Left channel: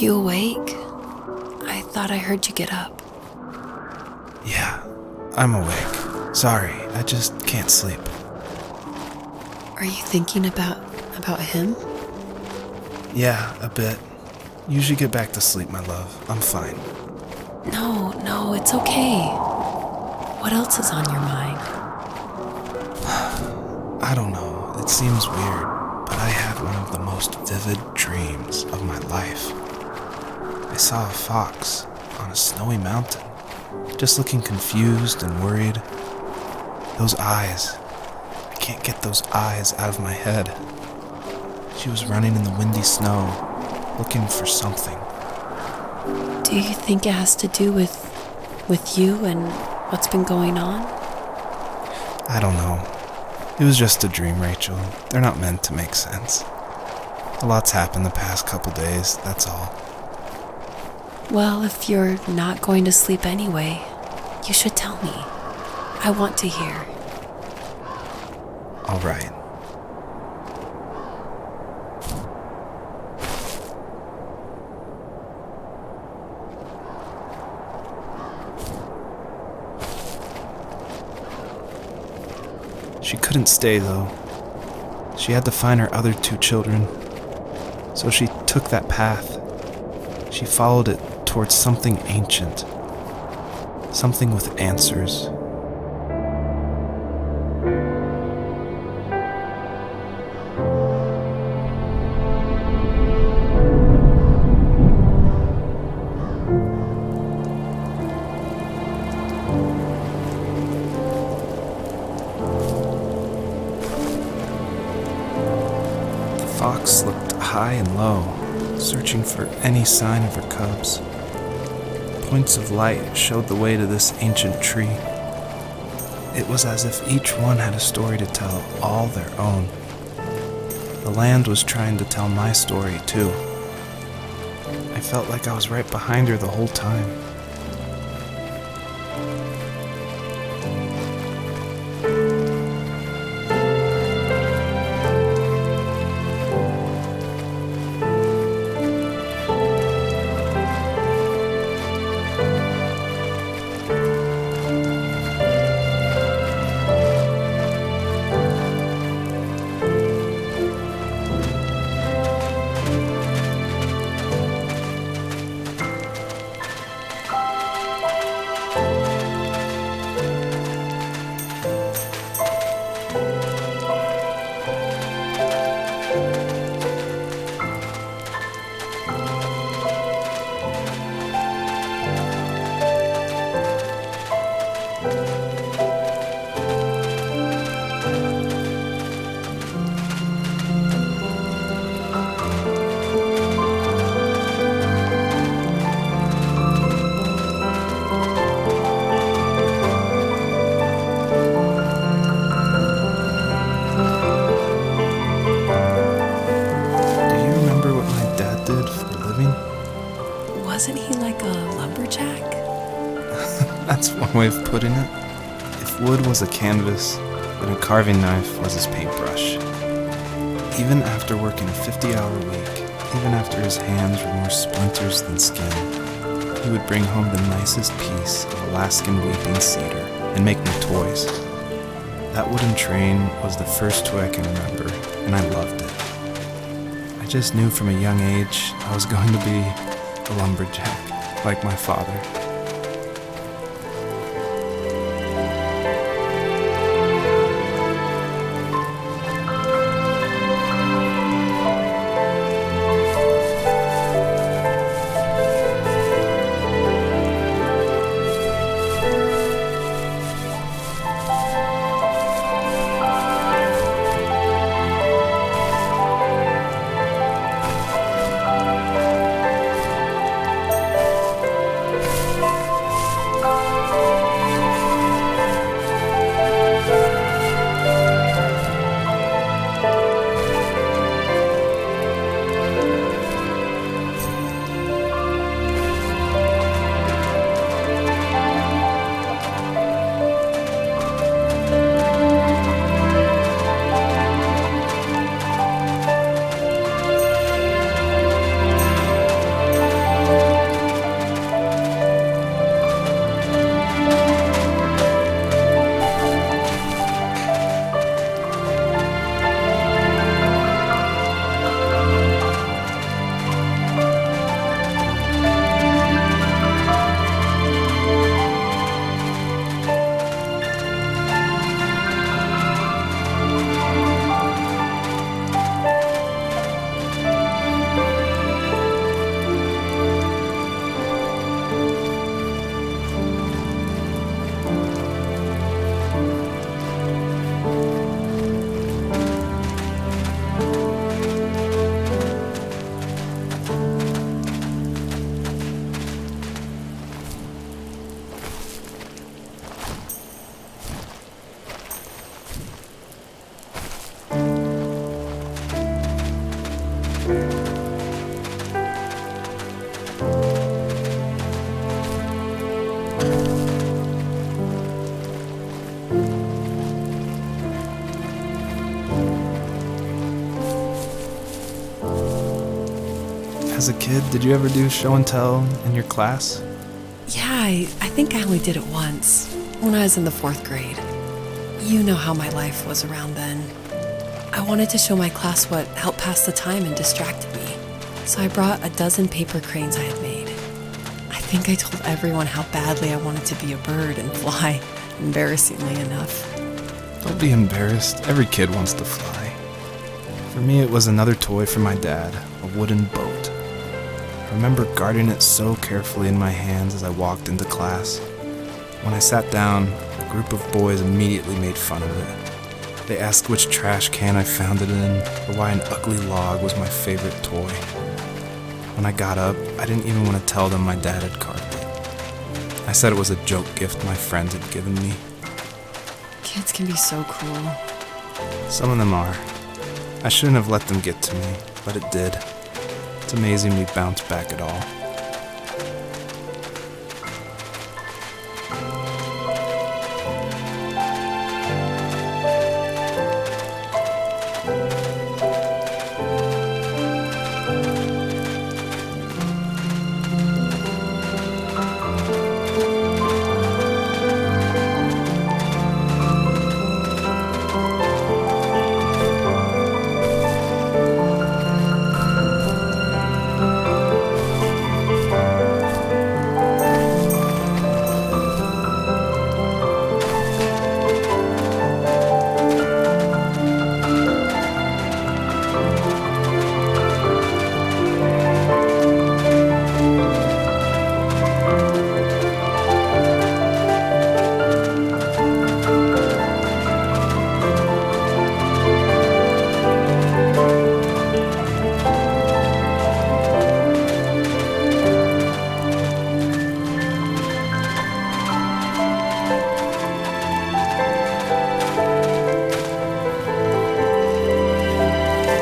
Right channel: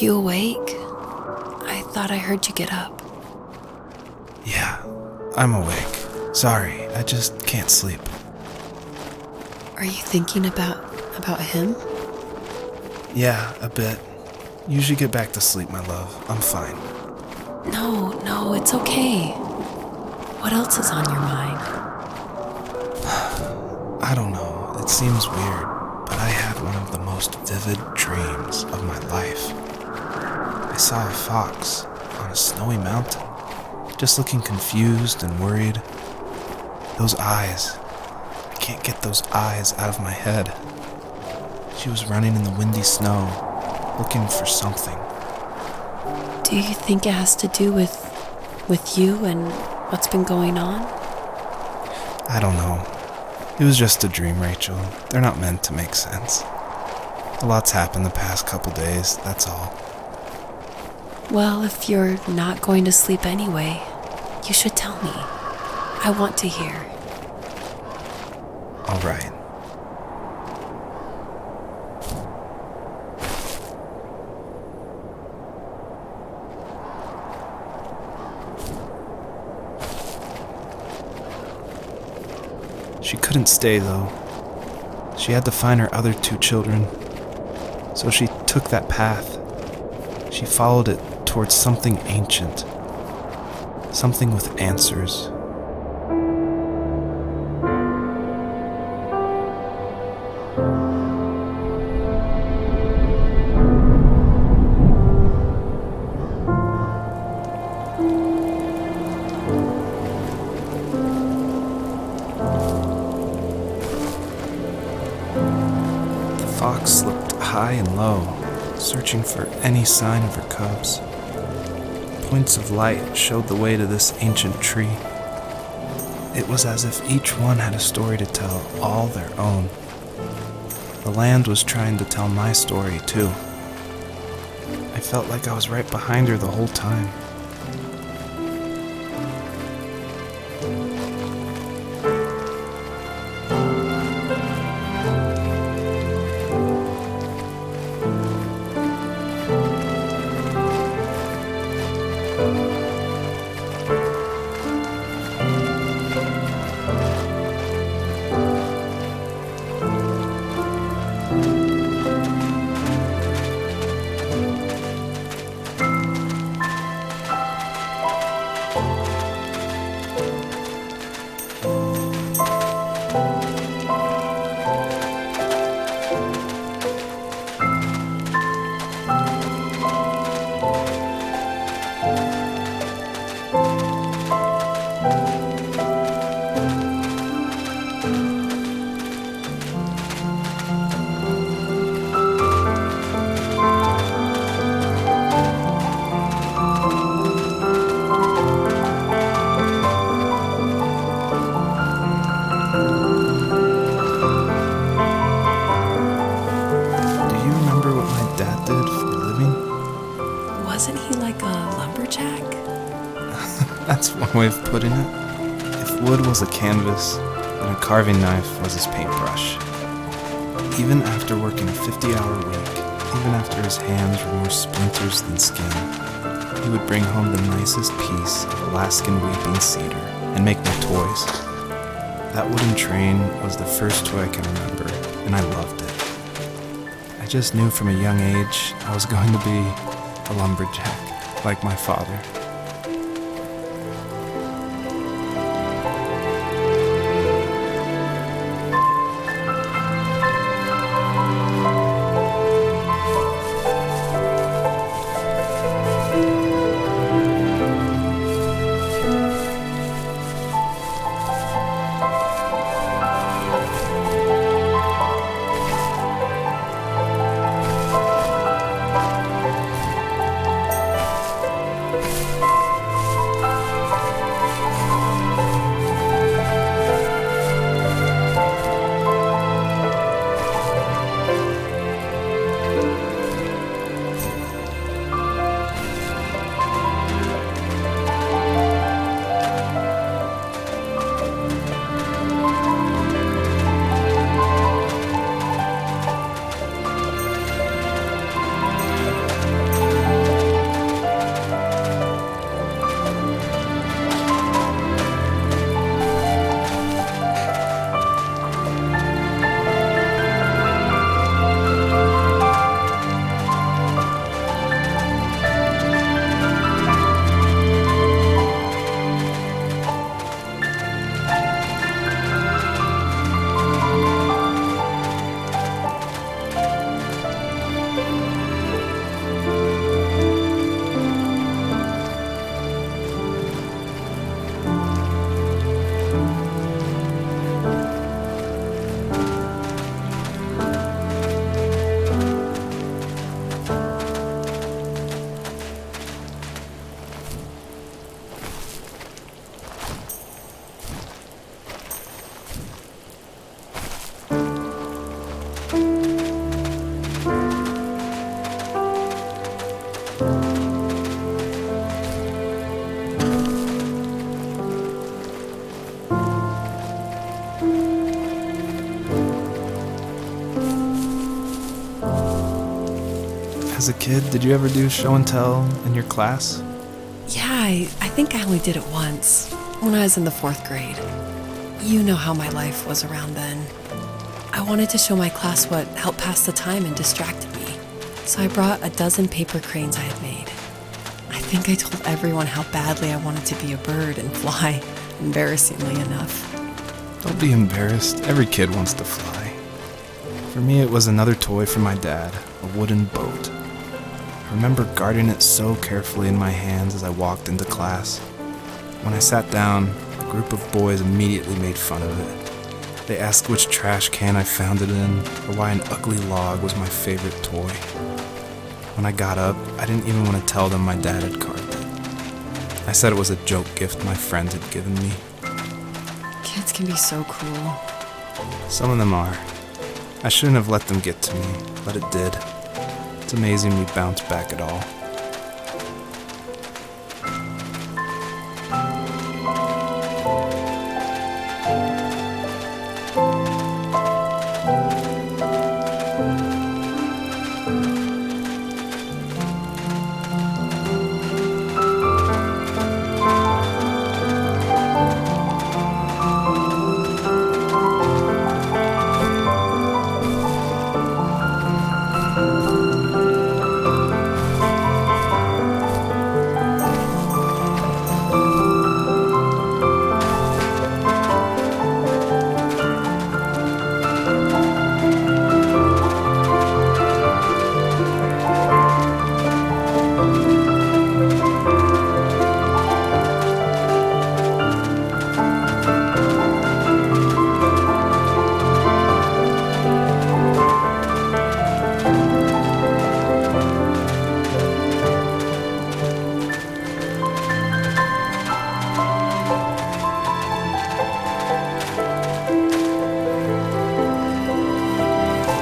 you awake? I thought I heard you get up. Yeah, I'm awake. Sorry, I just can't sleep. Are you thinking about him? Yeah, a bit. You should get back to sleep, my love. I'm fine. No, it's okay. What else is on your mind? I don't know. It seems weird, but I had one of the most vivid dreams of my life. I saw a fox on a snowy mountain, just looking confused and worried. Those eyes. I can't get those eyes out of my head. She was running in the windy snow, looking for something. Do you think it has to do with you and what's been going on? I don't know. It was just a dream, Rachel. They're not meant to make sense. A lot's happened the past couple days, that's all. Well, if you're not going to sleep anyway, you should tell me. I want to hear. All right. She couldn't stay, though. She had to find her other 2 children. So she took that path. She followed it towards something ancient. Something with answers. The fox looked high and low, searching for any sign of her cubs. Points of light showed the way to this ancient tree. It was as if each one had a story to tell, all their own. The land was trying to tell my story, too. I felt like I was right behind her the whole time. Wasn't he like a lumberjack? That's one way of putting it. If wood was a canvas, then a carving knife was his paintbrush. Even after working a 50-hour week, even after his hands were more splinters than skin, he would bring home the nicest piece of Alaskan weeping cedar and make me toys. That wooden train was the first toy I can remember, and I loved it. I just knew from a young age I was going to be a lumberjack, like my father. As a kid, did you ever do show and tell in your class? Yeah, I think I only did it once, when I was in the 4th grade. You know how my life was around then. I wanted to show my class what helped pass the time and distracted me, so I brought a dozen paper cranes I had made. I think I told everyone how badly I wanted to be a bird and fly, embarrassingly enough. Don't be embarrassed. Every kid wants to fly. For me, it was another toy from my dad, a wooden boat. I remember guarding it so carefully in my hands as I walked into class. When I sat down, a group of boys immediately made fun of it. They asked which trash can I found it in, or why an ugly log was my favorite toy. When I got up, I didn't even want to tell them my dad had carved it. I said it was a joke gift my friend had given me. Kids can be so cruel. Some of them are. I shouldn't have let them get to me, but it did. It's amazing we bounced back at all.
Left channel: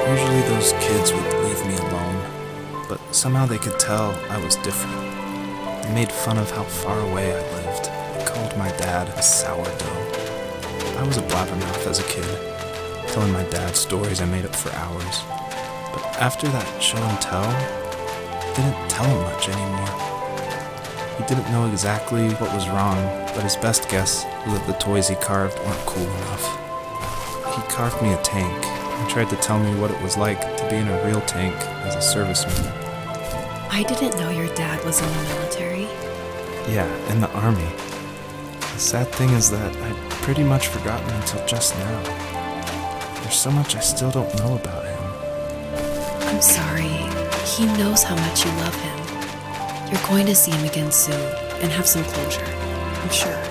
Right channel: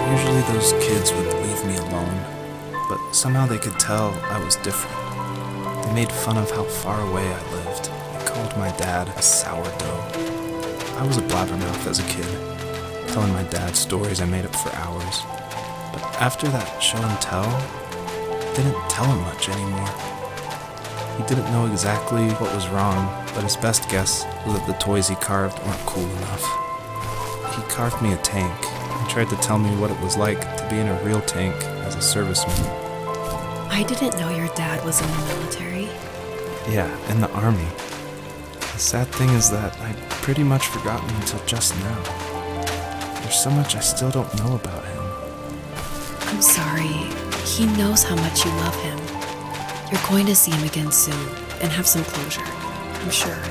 Usually those kids would leave me alone, but somehow they could tell I was different. They made fun of how far away I lived. They called my dad a sourdough. I was a blabbermouth as a kid, telling my dad stories I made up for hours. But after that show and tell, I didn't tell him much anymore. He didn't know exactly what was wrong, but his best guess was that the toys he carved weren't cool enough. He carved me a tank and tried to tell me what it was like to be in a real tank as a serviceman. I didn't know your dad was in the military. Yeah, in the army. The sad thing is that I'd pretty much forgotten until just now. There's so much I still don't know about him. I'm sorry. He knows how much you love him. You're going to see him again soon and have some closure, I'm sure.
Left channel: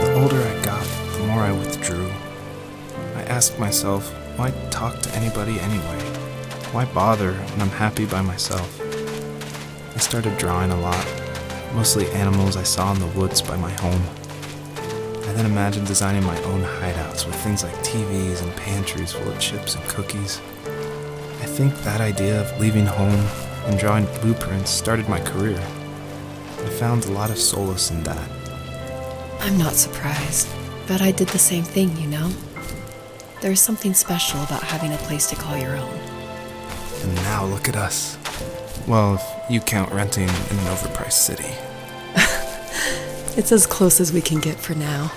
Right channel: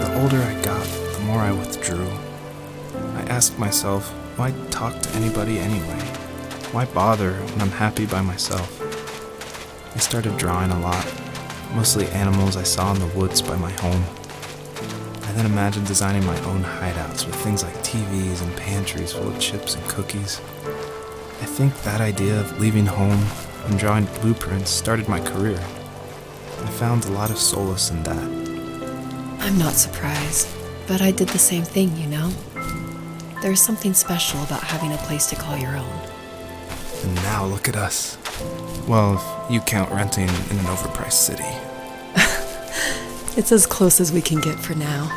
The older I got, the more I withdrew. I asked myself, why talk to anybody anyway? Why bother when I'm happy by myself? I started drawing a lot, mostly animals I saw in the woods by my home. I then imagined designing my own hideouts with things like TVs and pantries full of chips and cookies. I think that idea of leaving home and drawing blueprints started my career. I found a lot of solace in that. I'm not surprised, but I did the same thing, you know? There's something special about having a place to call your own. And now look at us. Well, if you count renting in an overpriced city. It's as close as we can get for now.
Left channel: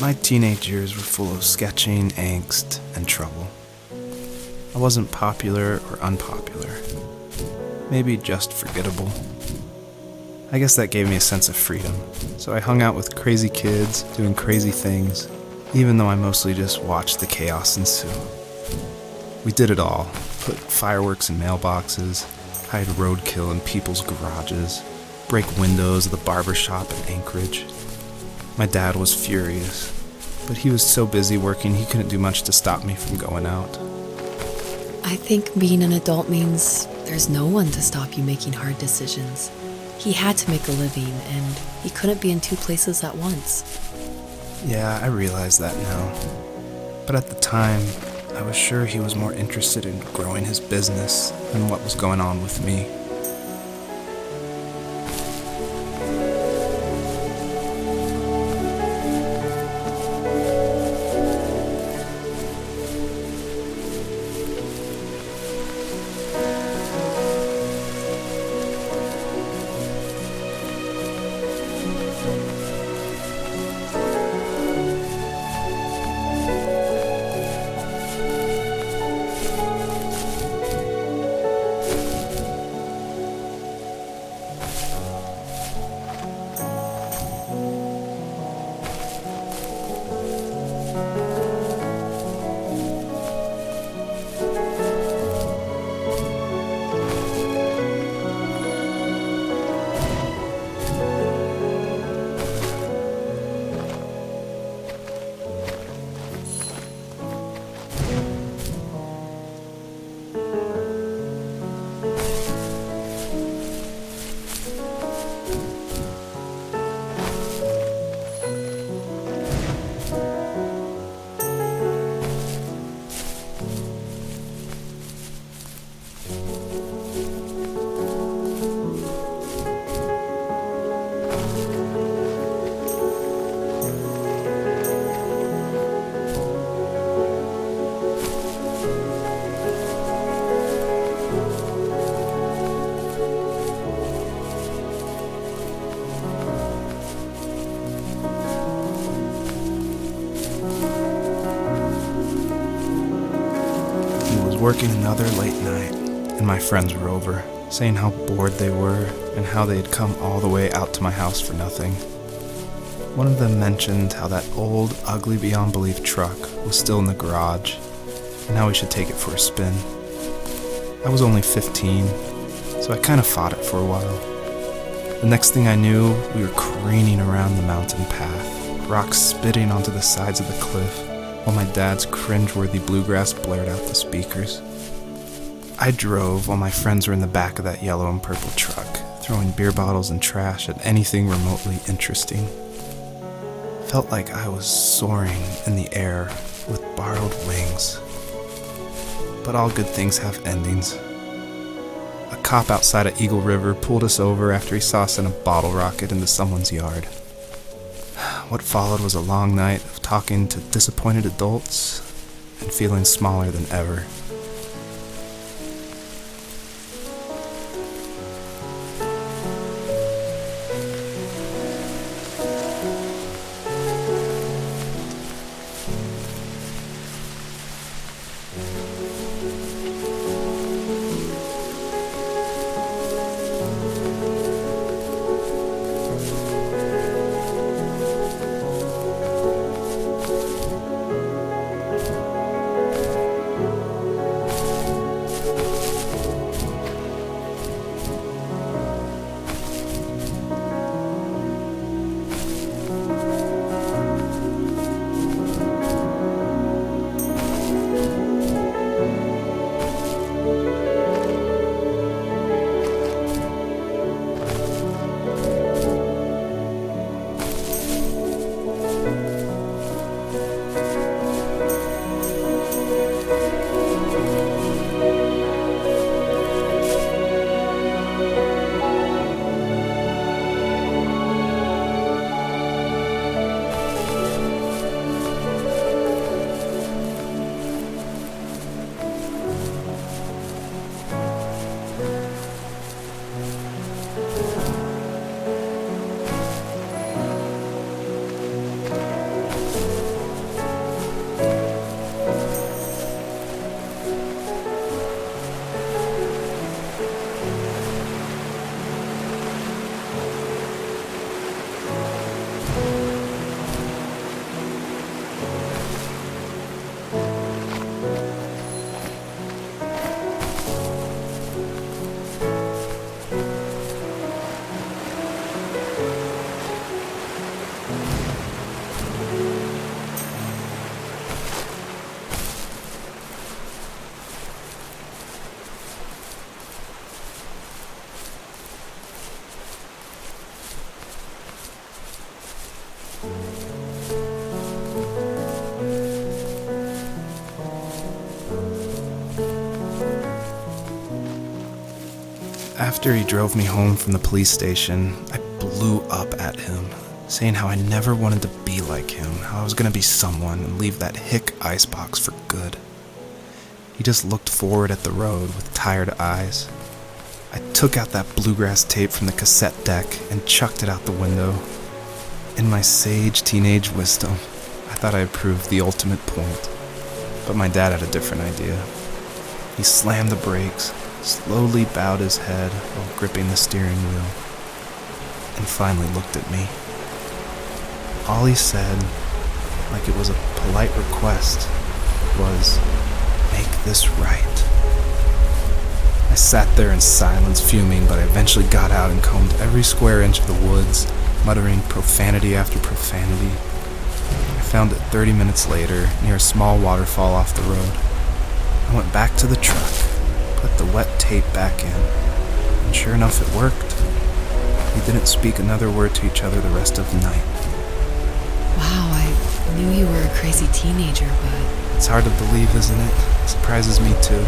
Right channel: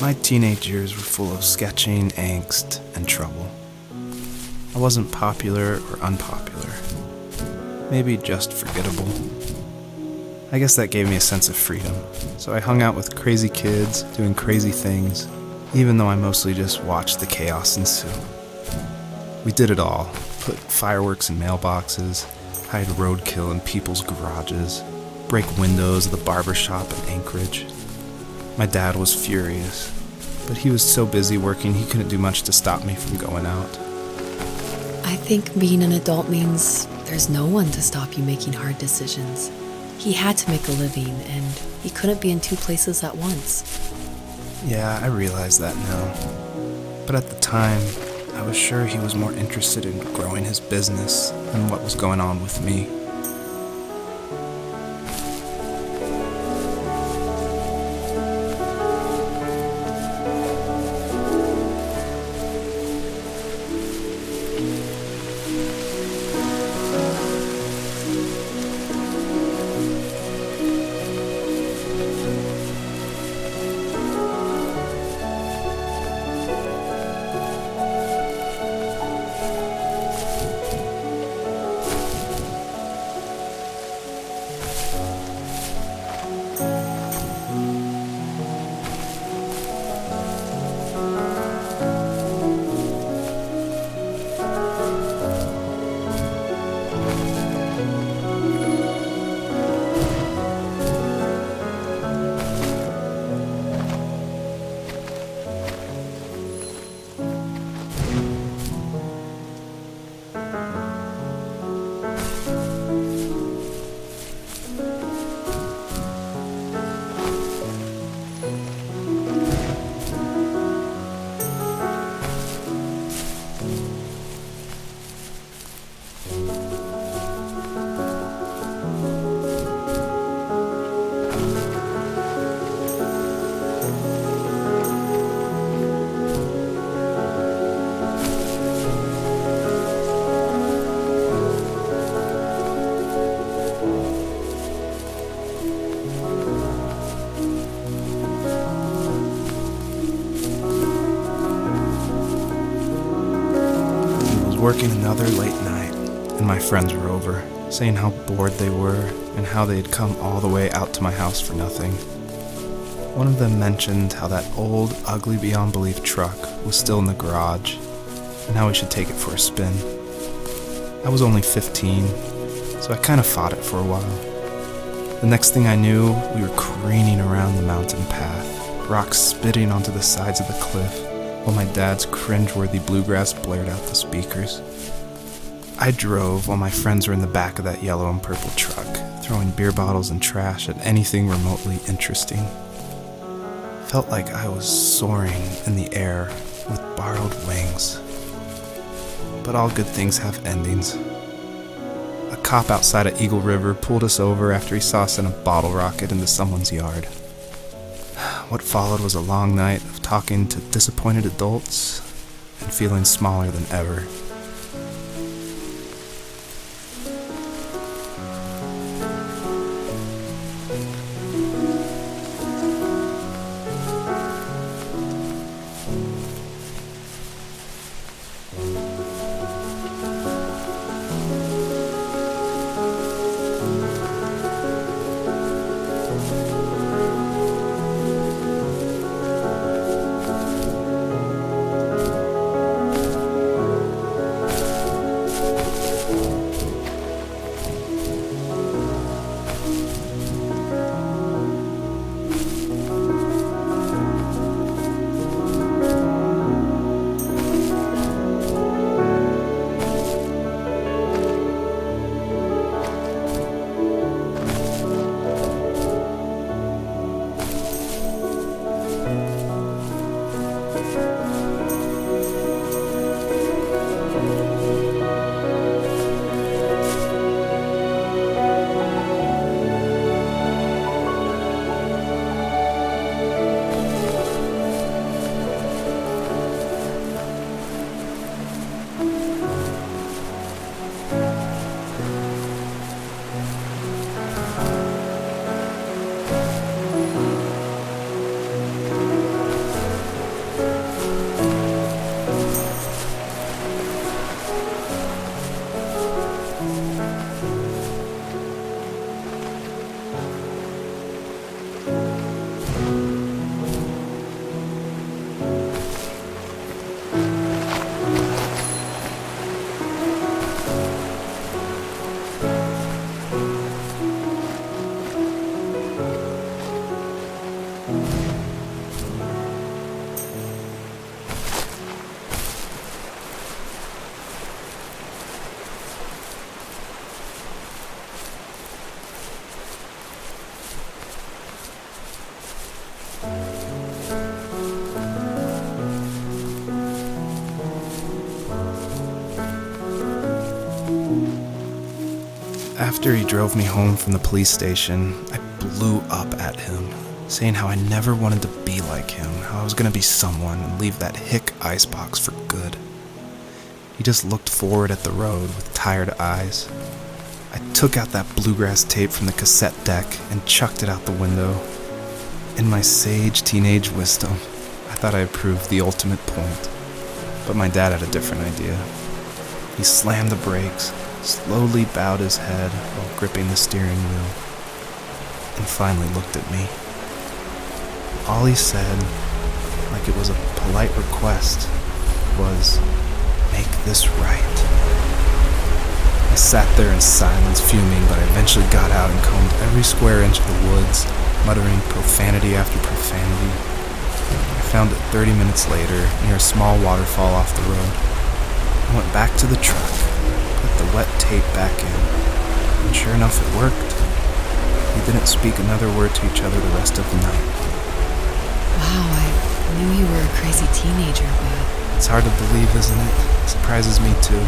My teenage years were full of sketching, angst, and trouble. I wasn't popular or unpopular. Maybe just forgettable. I guess that gave me a sense of freedom, so I hung out with crazy kids, doing crazy things, even though I mostly just watched the chaos ensue. We did it all. Put fireworks in mailboxes, hide roadkill in people's garages, break windows of the barber shop in Anchorage. My dad was furious, but he was so busy working he couldn't do much to stop me from going out. I think being an adult means there's no one to stop you making hard decisions. He had to make a living, and he couldn't be in two places at once. Yeah, I realize that now. But at the time, I was sure he was more interested in growing his business than what was going on with me. Working another late night, and my friends were over, saying how bored they were and how they had come all the way out to my house for nothing. One of them mentioned how that old, ugly beyond belief truck was still in the garage, and how we should take it for a spin. I was only 15, so I kind of fought it for a while. The next thing I knew, we were careening around the mountain path, rocks spitting onto the sides of the cliff, while my dad's cringeworthy bluegrass blared out the speakers. I drove while my friends were in the back of that yellow and purple truck, throwing beer bottles and trash at anything remotely interesting. Felt like I was soaring in the air with borrowed wings. But all good things have endings. A cop outside of Eagle River pulled us over after he saw us in a bottle rocket into someone's yard. What followed was a long night of talking to disappointed adults and feeling smaller than ever. After he drove me home from the police station, I blew up at him, saying how I never wanted to be like him, how I was going to be someone and leave that hick icebox for good. He just looked forward at the road with tired eyes. I took out that bluegrass tape from the cassette deck and chucked it out the window. In my sage teenage wisdom, I thought I had proved the ultimate point, but my dad had a different idea. He slammed the brakes, slowly bowed his head while gripping the steering wheel, and finally looked at me. All he said, like it was a polite request, was, "Make this right." I sat there in silence, fuming, but I eventually got out and combed every square inch of the woods, muttering profanity after profanity. I found it 30 minutes later, near a small waterfall off the road. I went back to the truck, put the wet tape back in, and sure enough it worked. We didn't speak another word to each other the rest of the night. Wow, I knew you were a crazy teenager, but... It's hard to believe, isn't it? It surprises me too.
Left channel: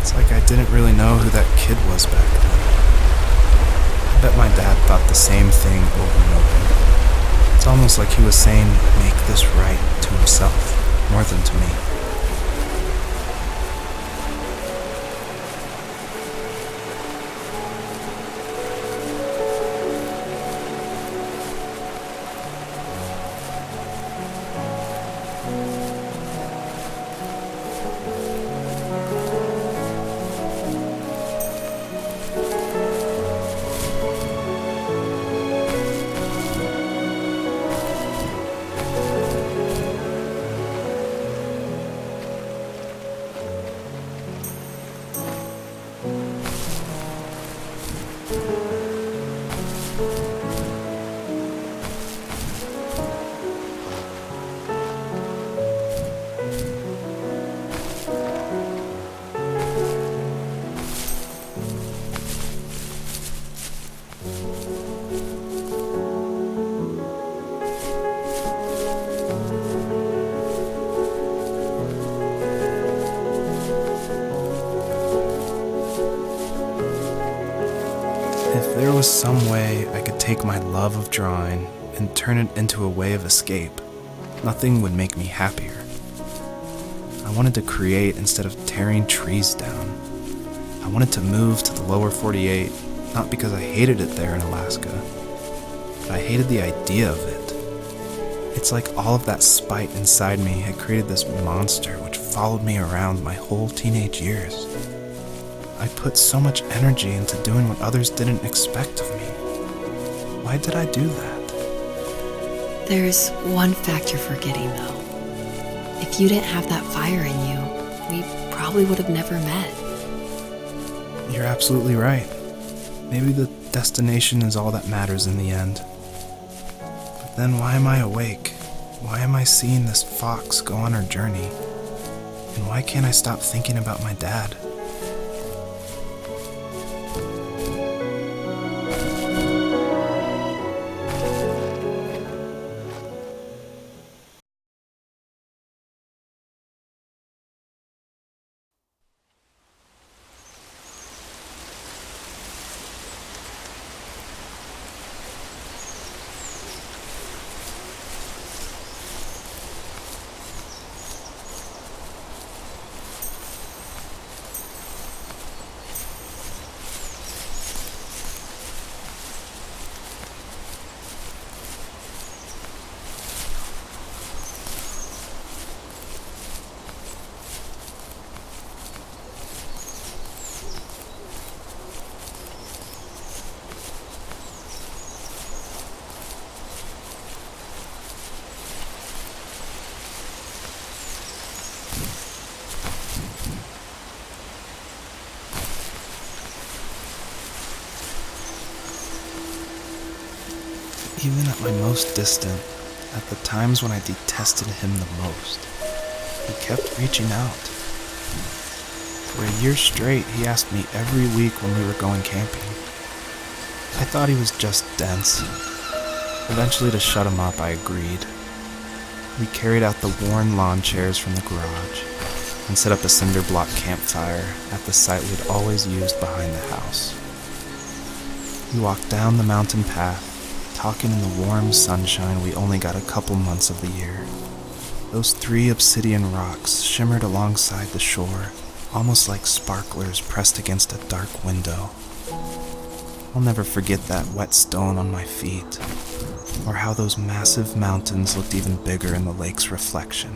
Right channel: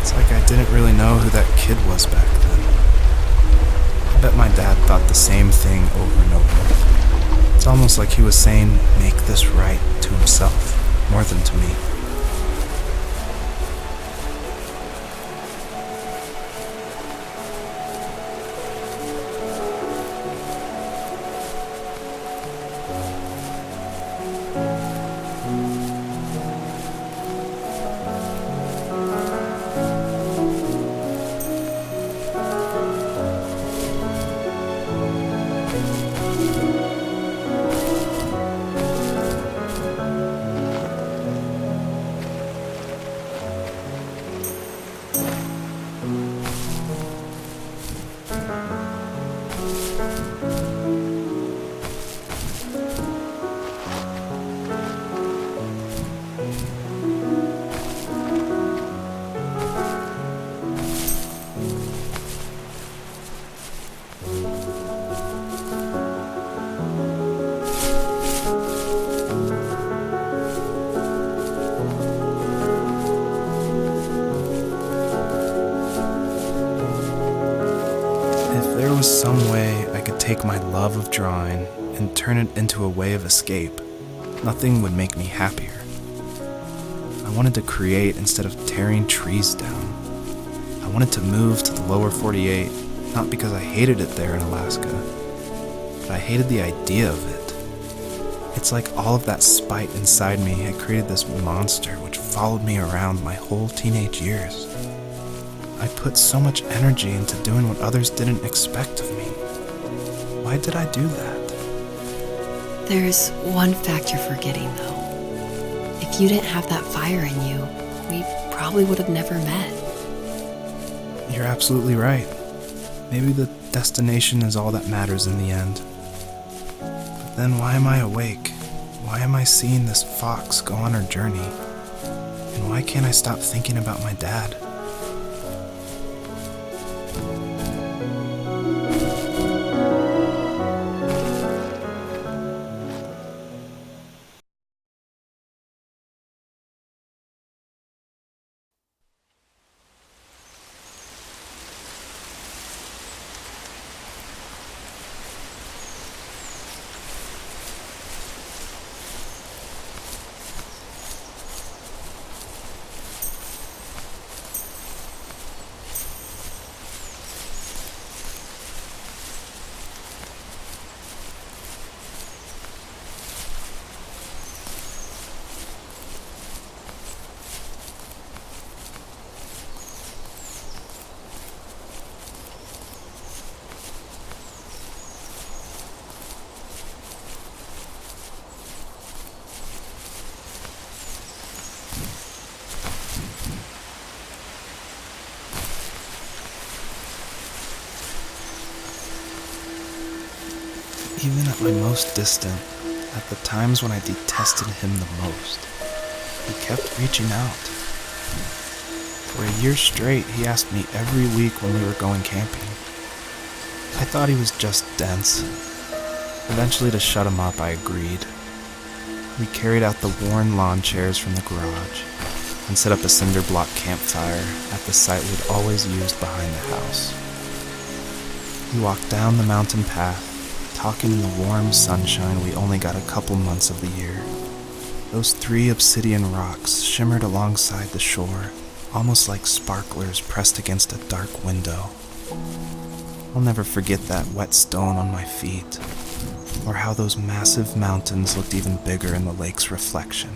It's like I didn't really know who that kid was back then. I bet my dad thought the same thing over and over. It's almost like he was saying, "Make this right," to himself, more than to me. was some way I could take my love of drawing and turn it into a way of escape, nothing would make me happier. I wanted to create instead of tearing trees down. I wanted to move to the lower 48, not because I hated it there in Alaska, but I hated the idea of it. It's like all of that spite inside me had created this monster which followed me around my whole teenage years. I put so much energy into doing what others didn't expect of me. Why did I do that? There's one fact you're forgetting, though. If you didn't have that fire in you, we probably would have never met. You're absolutely right. Maybe the destination is all that matters in the end. But then why am I awake? Why am I seeing this fox go on her journey? And why can't I stop thinking about my dad? Even at my most distant, at the times when I detested him the most, he kept reaching out. For a year straight, he asked me every week when we were going camping. I thought he was just dense. Eventually, to shut him up, I agreed. We carried out the worn lawn chairs from the garage and set up a cinder block campfire at the site we had always used behind the house. We walked down the mountain path, talking in the warm sunshine we only got a couple months of the year. Those 3 obsidian rocks shimmered alongside the shore, almost like sparklers pressed against a dark window. I'll never forget that wet stone on my feet, or how those massive mountains looked even bigger in the lake's reflection.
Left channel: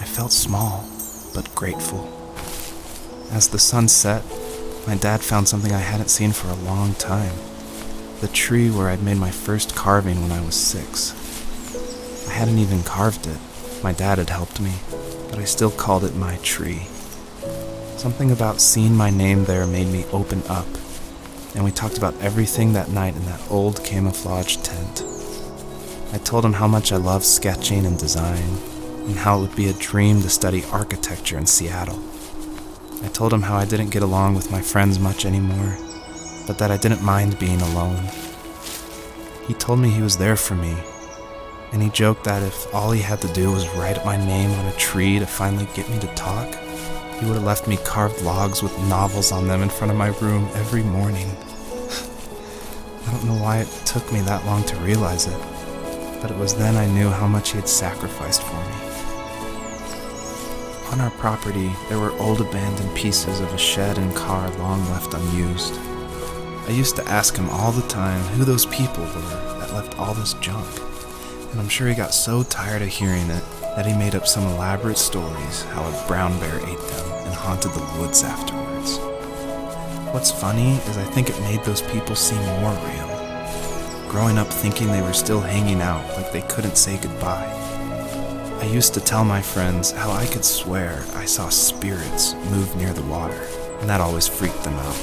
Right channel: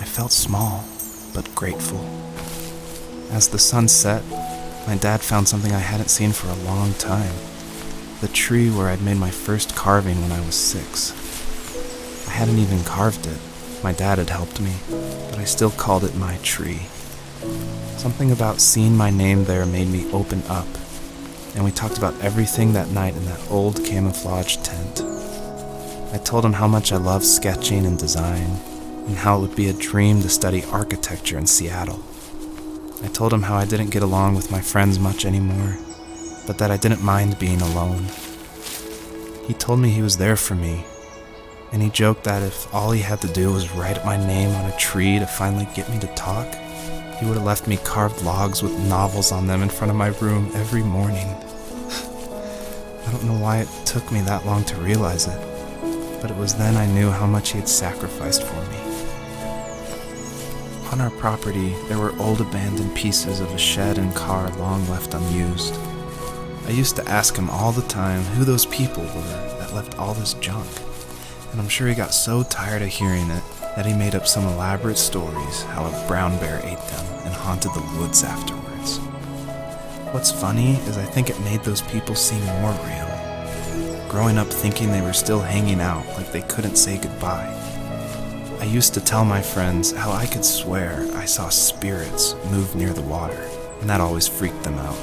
I felt small, but grateful. As the sun set, my dad found something I hadn't seen for a long time. The tree where I'd made my first carving when I was 6. I hadn't even carved it. My dad had helped me, but I still called it my tree. Something about seeing my name there made me open up, and we talked about everything that night in that old camouflage tent. I told him how much I loved sketching and design, and how it would be a dream to study architecture in Seattle. I told him how I didn't get along with my friends much anymore, but that I didn't mind being alone. He told me he was there for me, and he joked that if all he had to do was write my name on a tree to finally get me to talk, he would have left me carved logs with novels on them in front of my room every morning. I don't know why it took me that long to realize it, but it was then I knew how much he had sacrificed for me. On our property, there were old abandoned pieces of a shed and car long left unused. I used to ask him all the time who those people were that left all this junk, and I'm sure he got so tired of hearing it that he made up some elaborate stories how a brown bear ate them and haunted the woods afterwards. What's funny is I think it made those people seem more real. Growing up thinking they were still hanging out like they couldn't say goodbye. I used to tell my friends how I could swear I saw spirits move near the water, and that always freaked them out.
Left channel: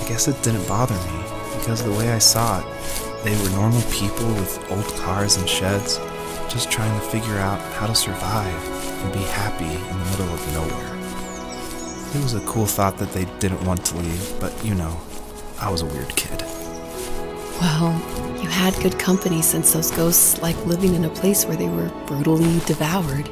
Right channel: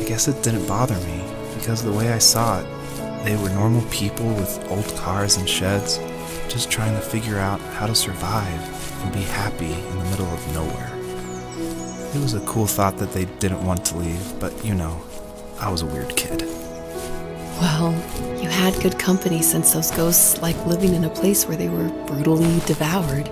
I guess it didn't bother me, because the way I saw it, they were normal people with old cars and sheds, just trying to figure out how to survive and be happy in the middle of nowhere. It was a cool thought that they didn't want to leave, but I was a weird kid. Well, you had good company since those ghosts like living in a place where they were brutally devoured.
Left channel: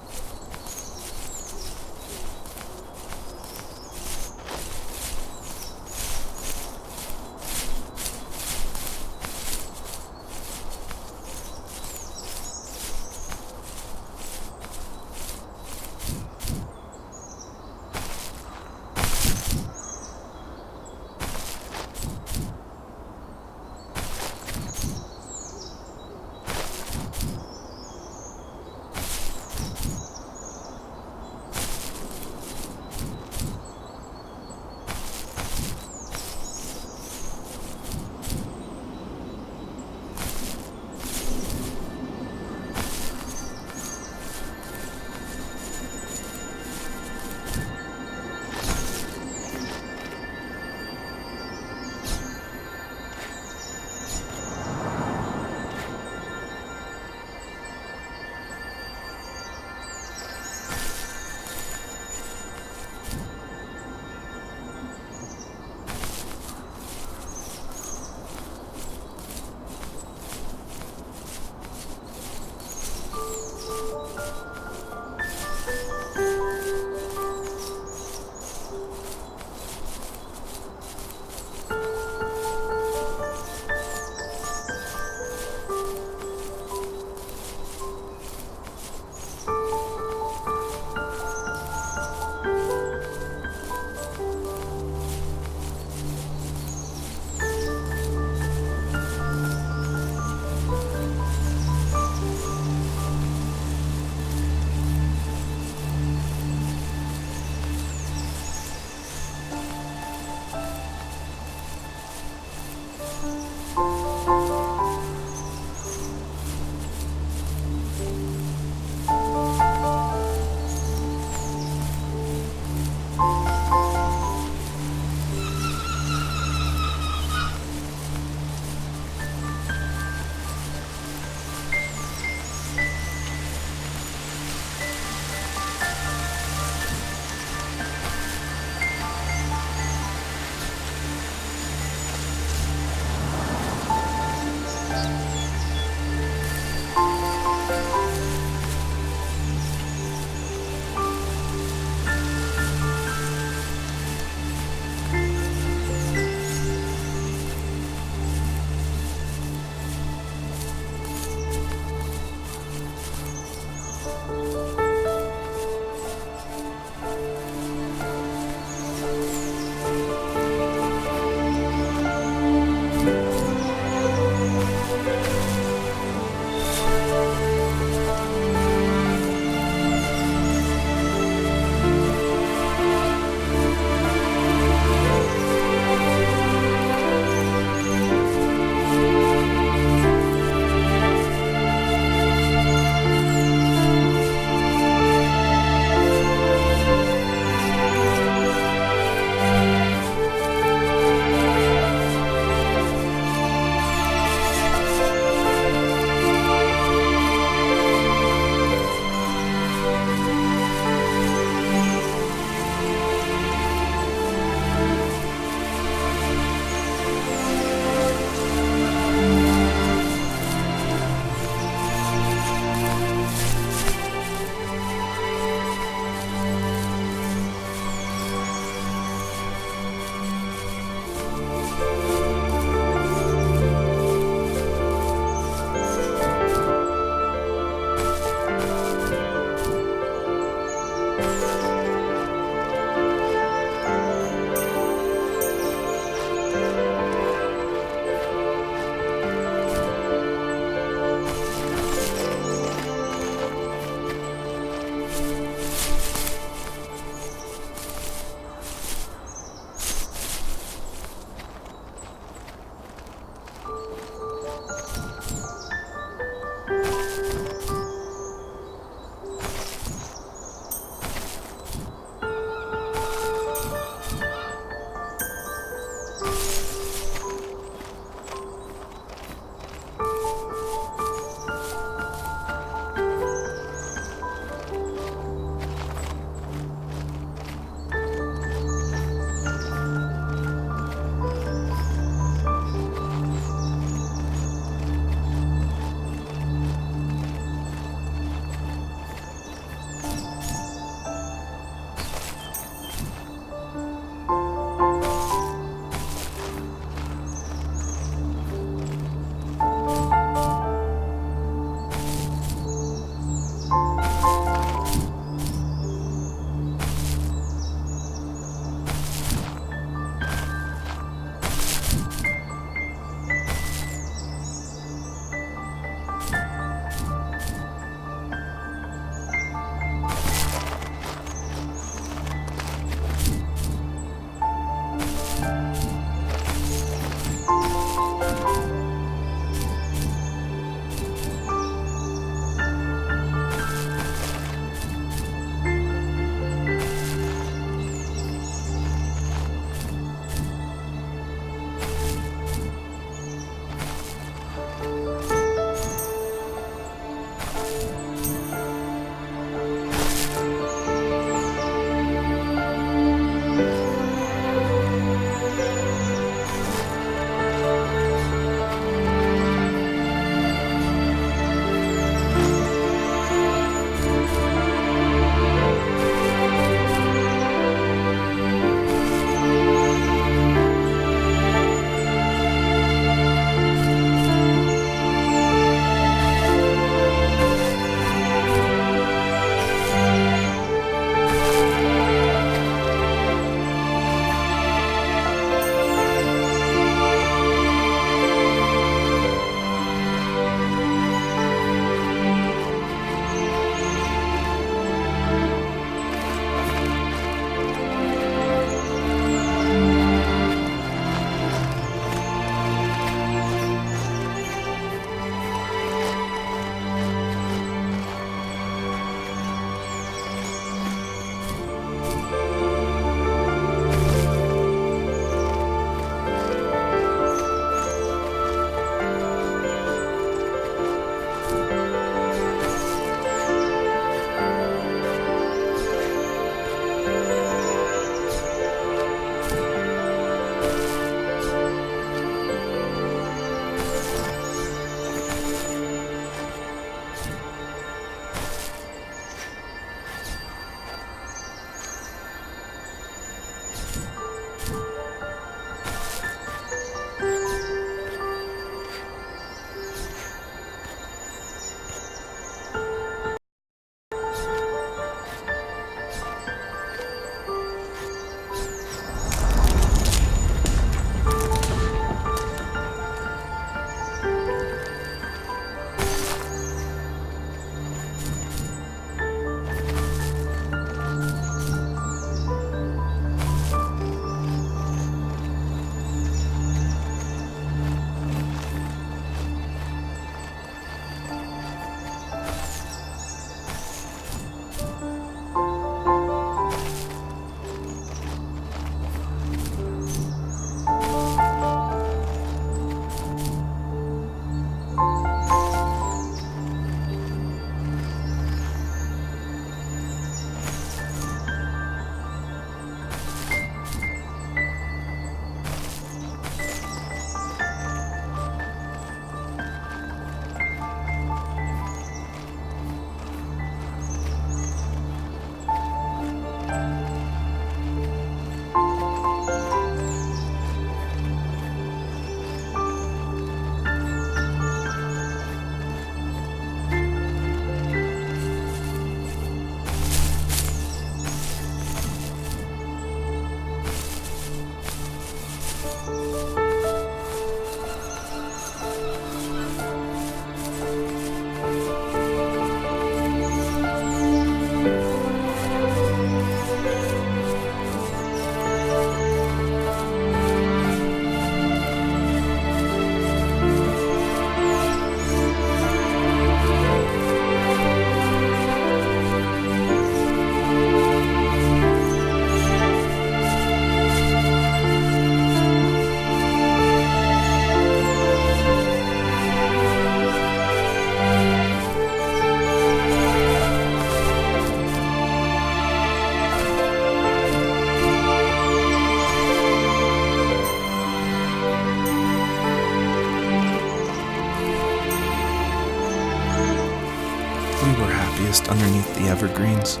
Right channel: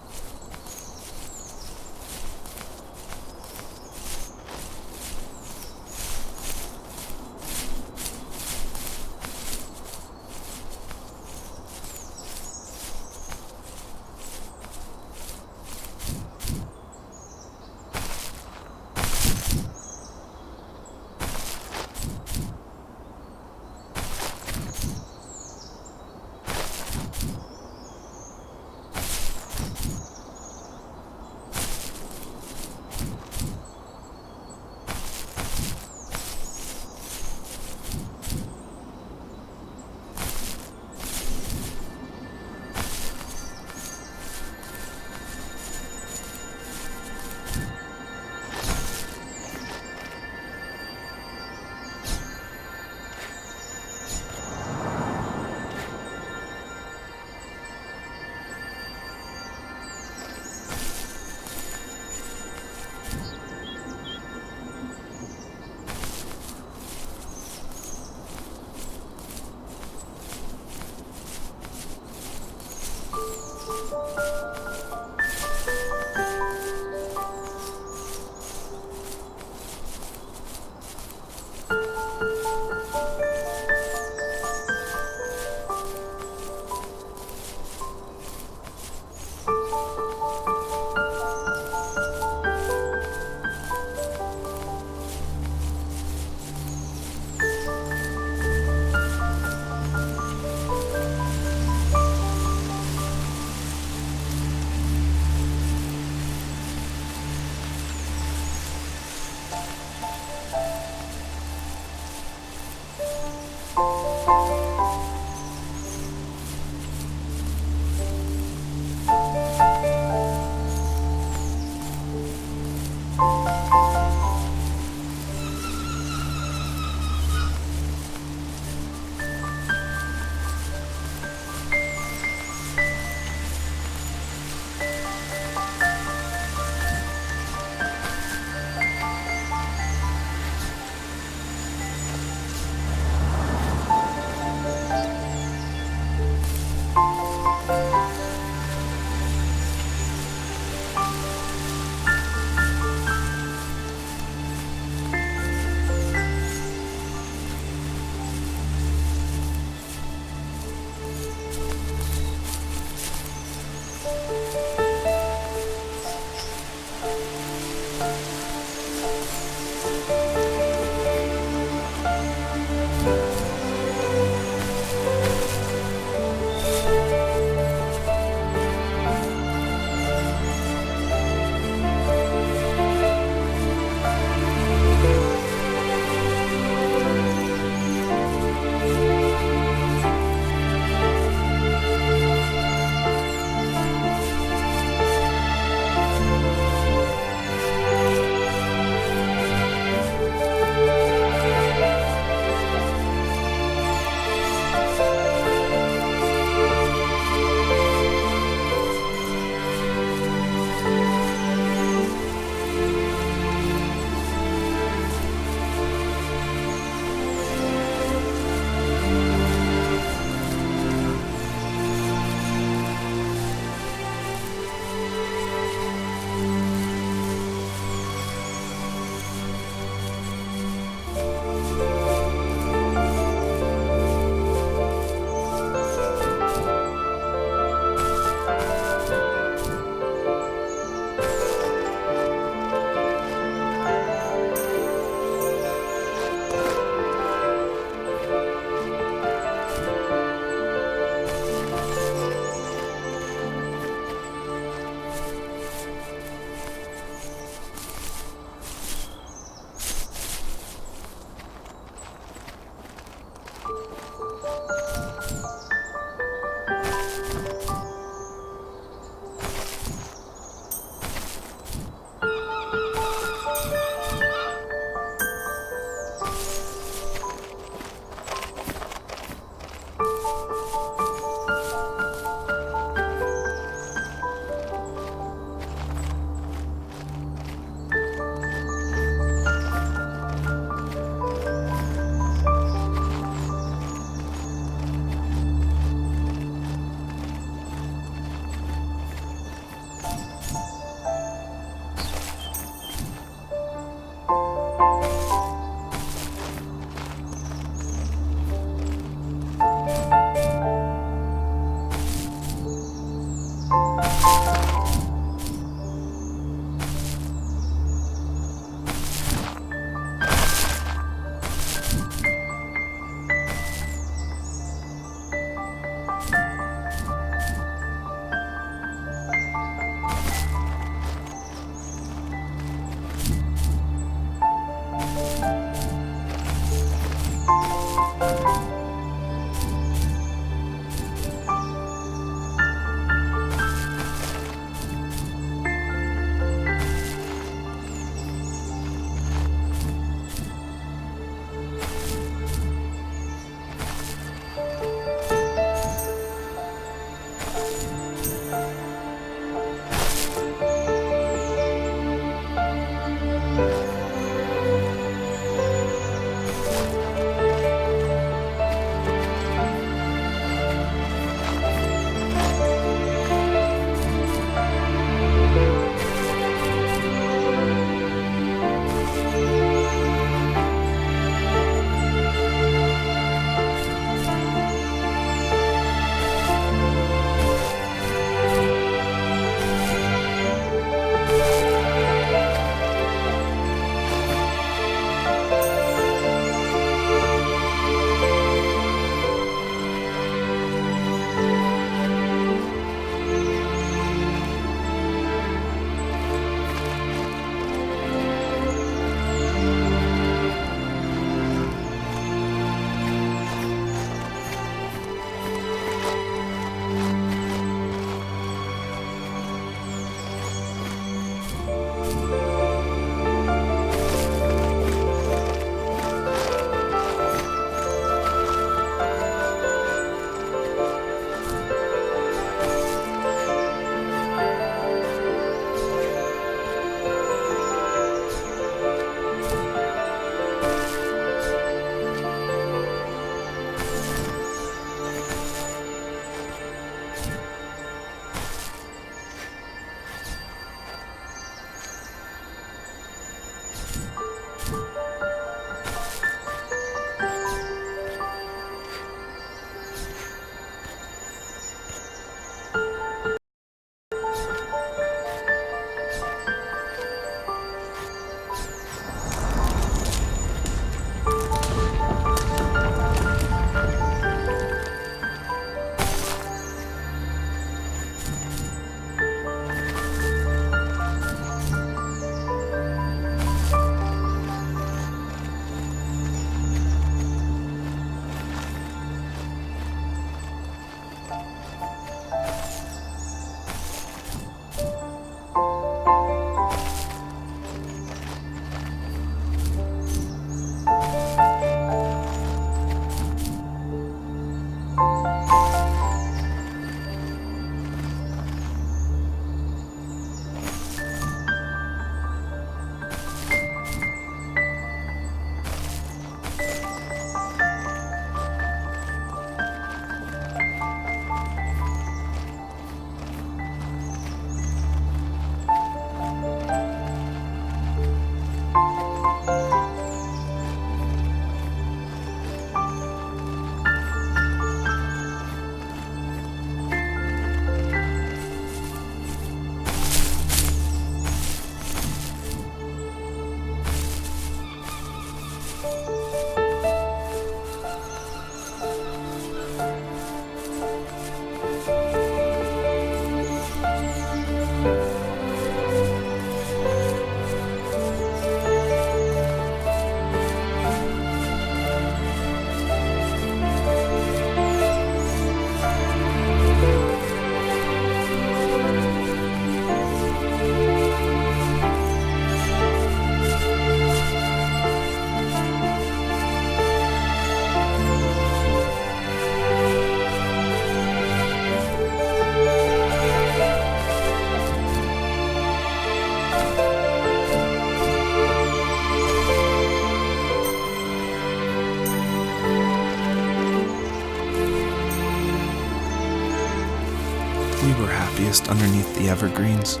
We were happiest underneath the evergreens.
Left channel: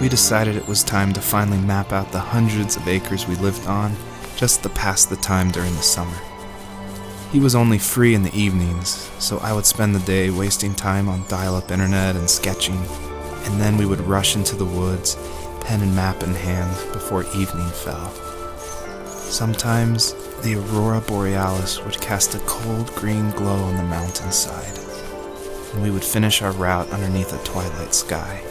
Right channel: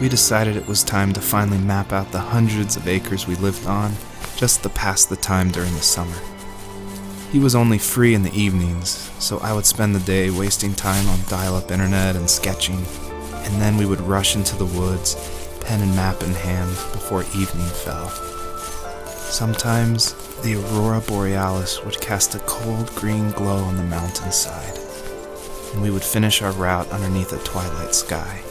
We decided it was time to finally map out the hundreds of acres we lived on just to pass the time during the summer. He was only free in the evenings, so I would spend the day wasting time on dial-up internet and sketching, and then we would rush into the woods, pen and map in hand, before evening fell. Sometimes, the aurora borealis would cast a cold green glow on the mountainside, and we would finish our route underneath a twilight sky.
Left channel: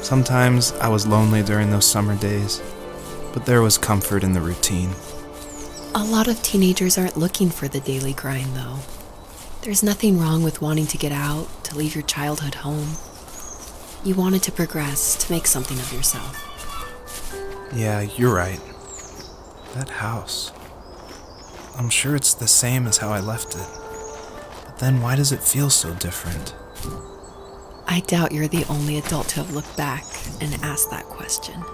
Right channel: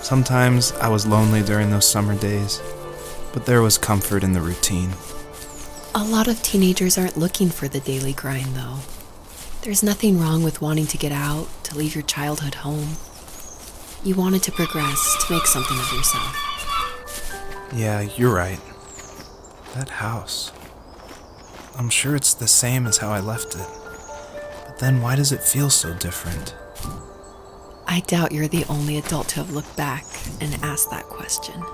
Sometimes I was lonely during those summer days, but there was comfort in the routine. A lot of teenagers aren't looking for the daily grind, though. There's nothing wrong with wanting to get out, to leave your childhood home. You wanted to progress, to make something of yourself. Yeah, you're right. That house. I'm sure it's the same as how I left it. But then why does it feel so different? I doubt you're the only adult to have looked back and asked that question.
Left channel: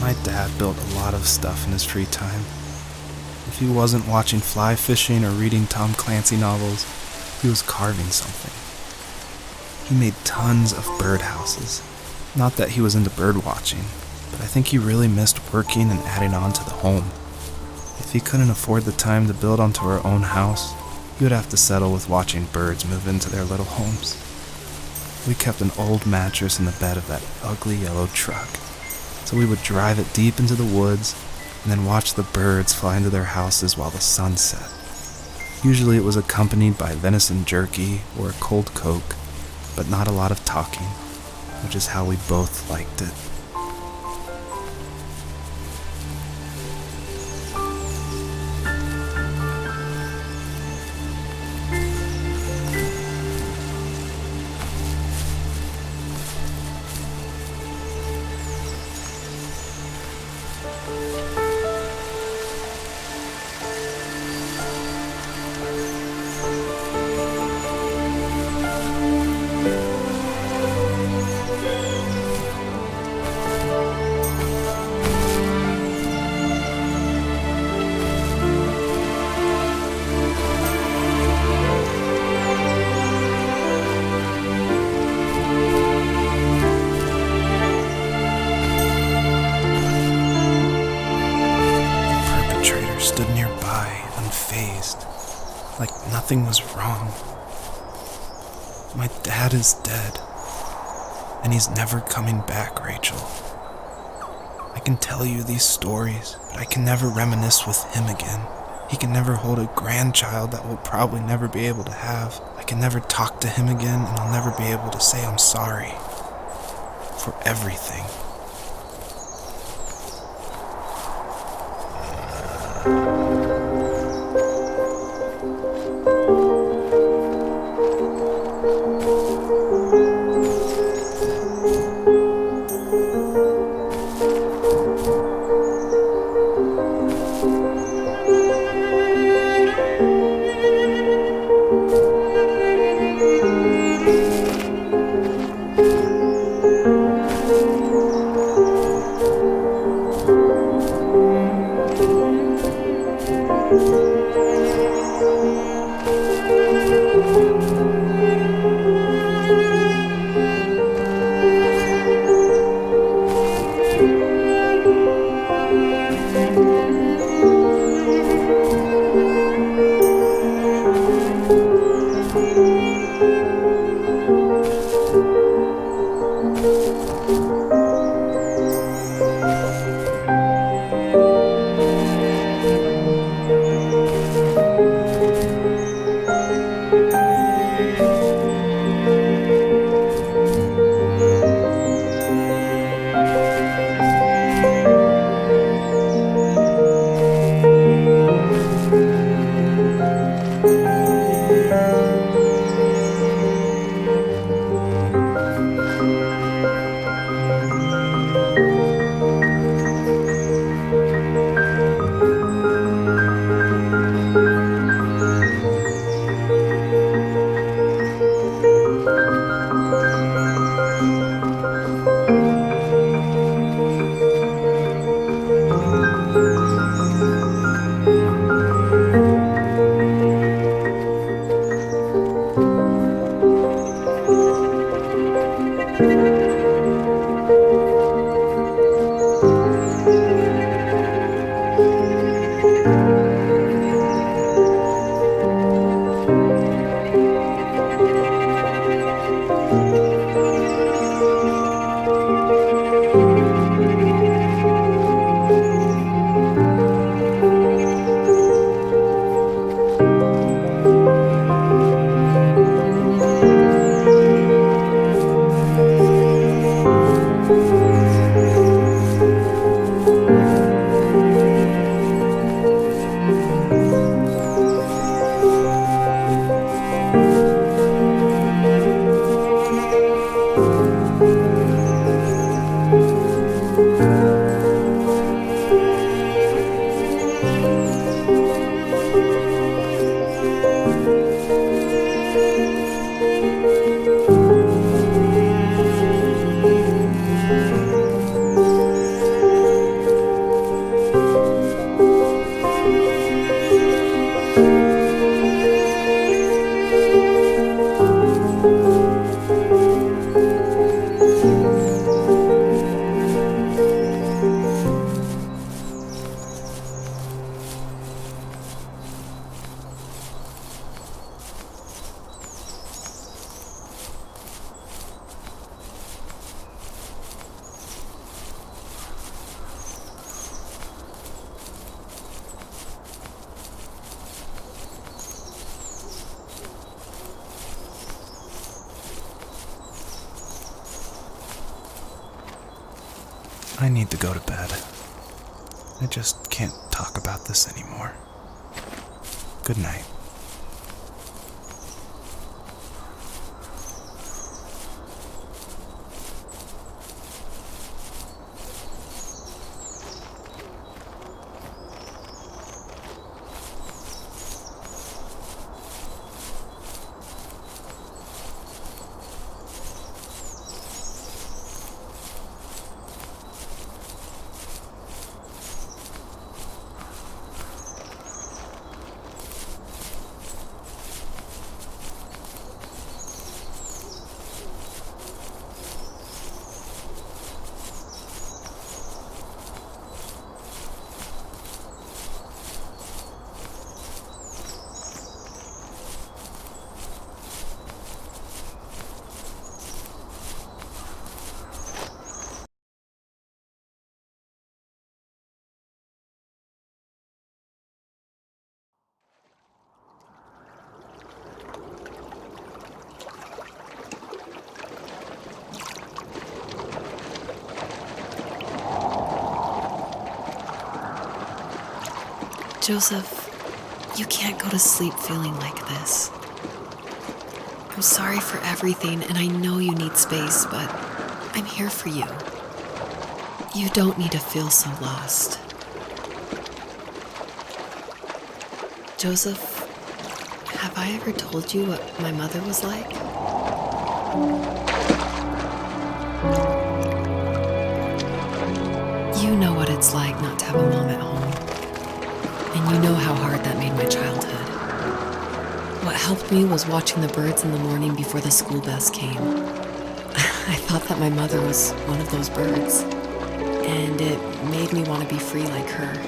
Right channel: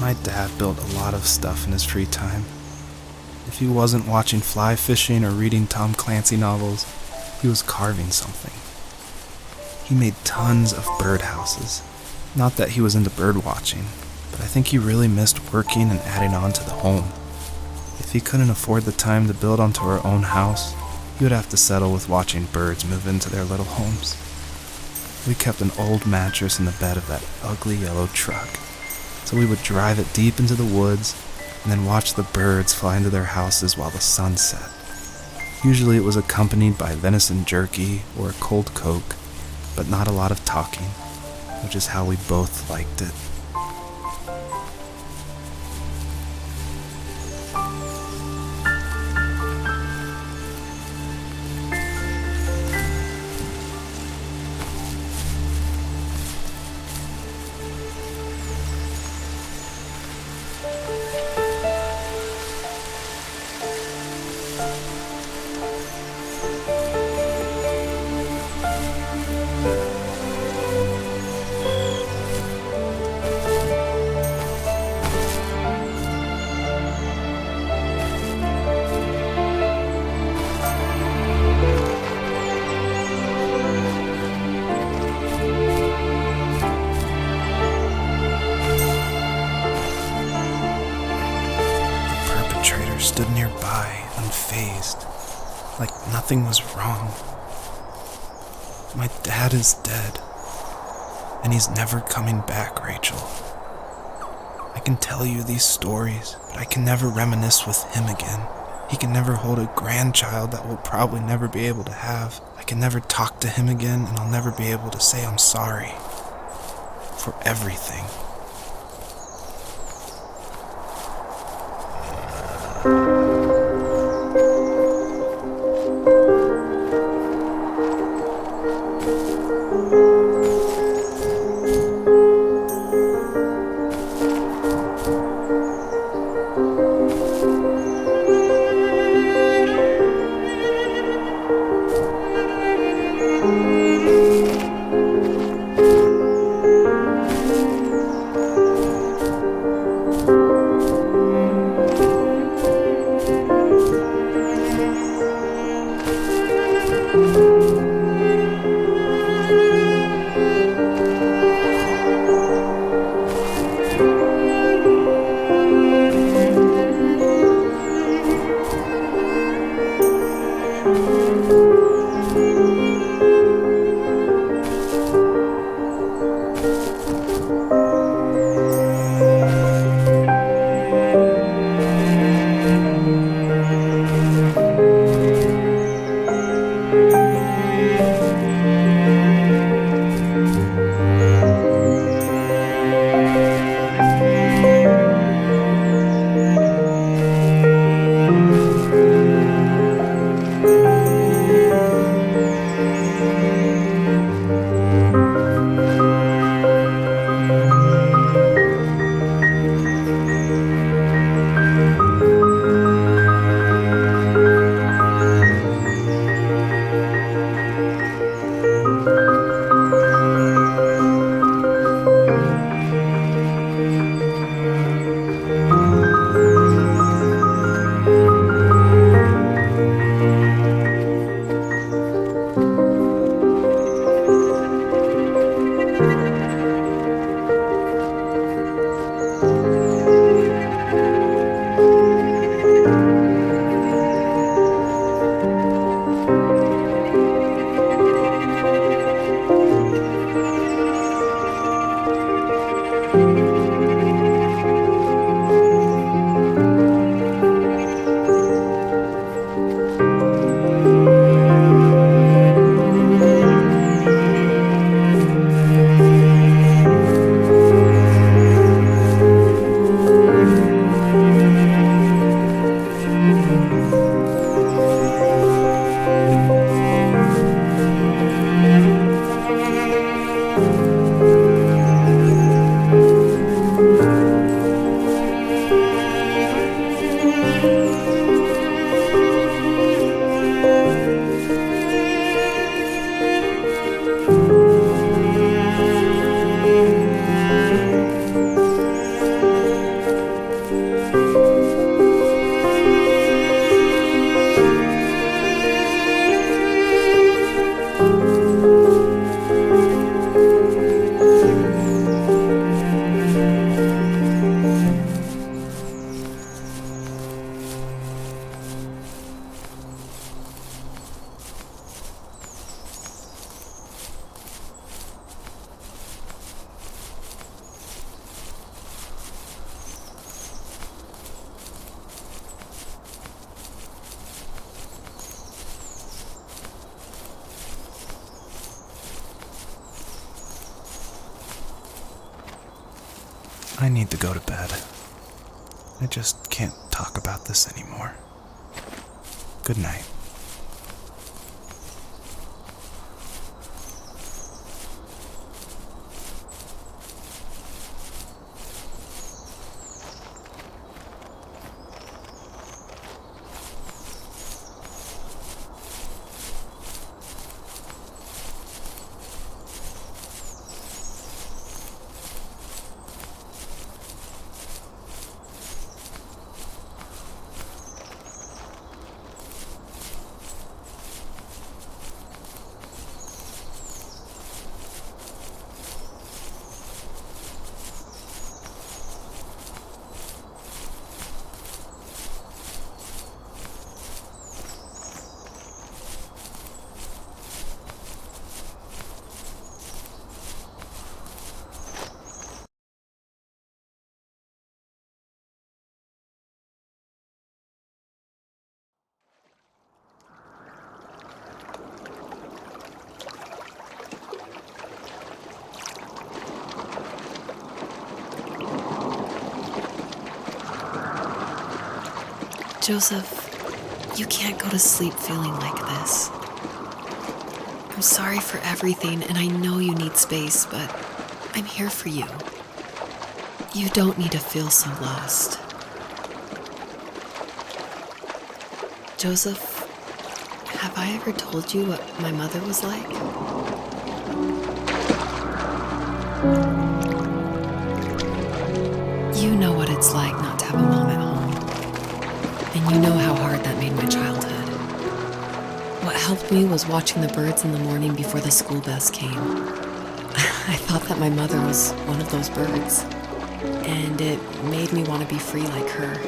My dad built a lot of stuff in his free time. If he wasn't watching fly fishing or reading Tom Clancy novels, he was carving something. He made tons of birdhouses. Not that he was into bird watching, but I think he really missed working and adding on to the home. If he couldn't afford the time to build onto our own house, he would have to settle with watching birds move into their little homes. We kept an old mattress in the bed of that ugly yellow truck, so we would drive it deep into the woods, and then watch the birds fly into their houses while the sun set. Usually it was accompanied by venison jerky or a cold Coke, but not a lot of talking, which is how we both liked it. Stood nearby, unfazed, like nothing was wrong. My dad is dead, and he's never coming back, Rachel. I can tell you these stories, but I can never reminisce with him again. He can never hold a grandchild that we'll probably never be able to have. I can never talk to him again, and I'll never be able to say I'm sorry for everything. I need to go to bed. I just can't talk about this anymore. Good night. Joseph, you can't go to sleep feeling like this. I'm sorry for everything, and I know you need space, but I'm here for you. You don't need to feel so lost. Joseph, have I ever told you what my mother was like? You know what it's like not to have a mom at home. And you know how hard that made my childhood. What helped me was watching the birds in the morning before the school bus came. I thought that my mother was one of those birds, and it made me want to be free like her.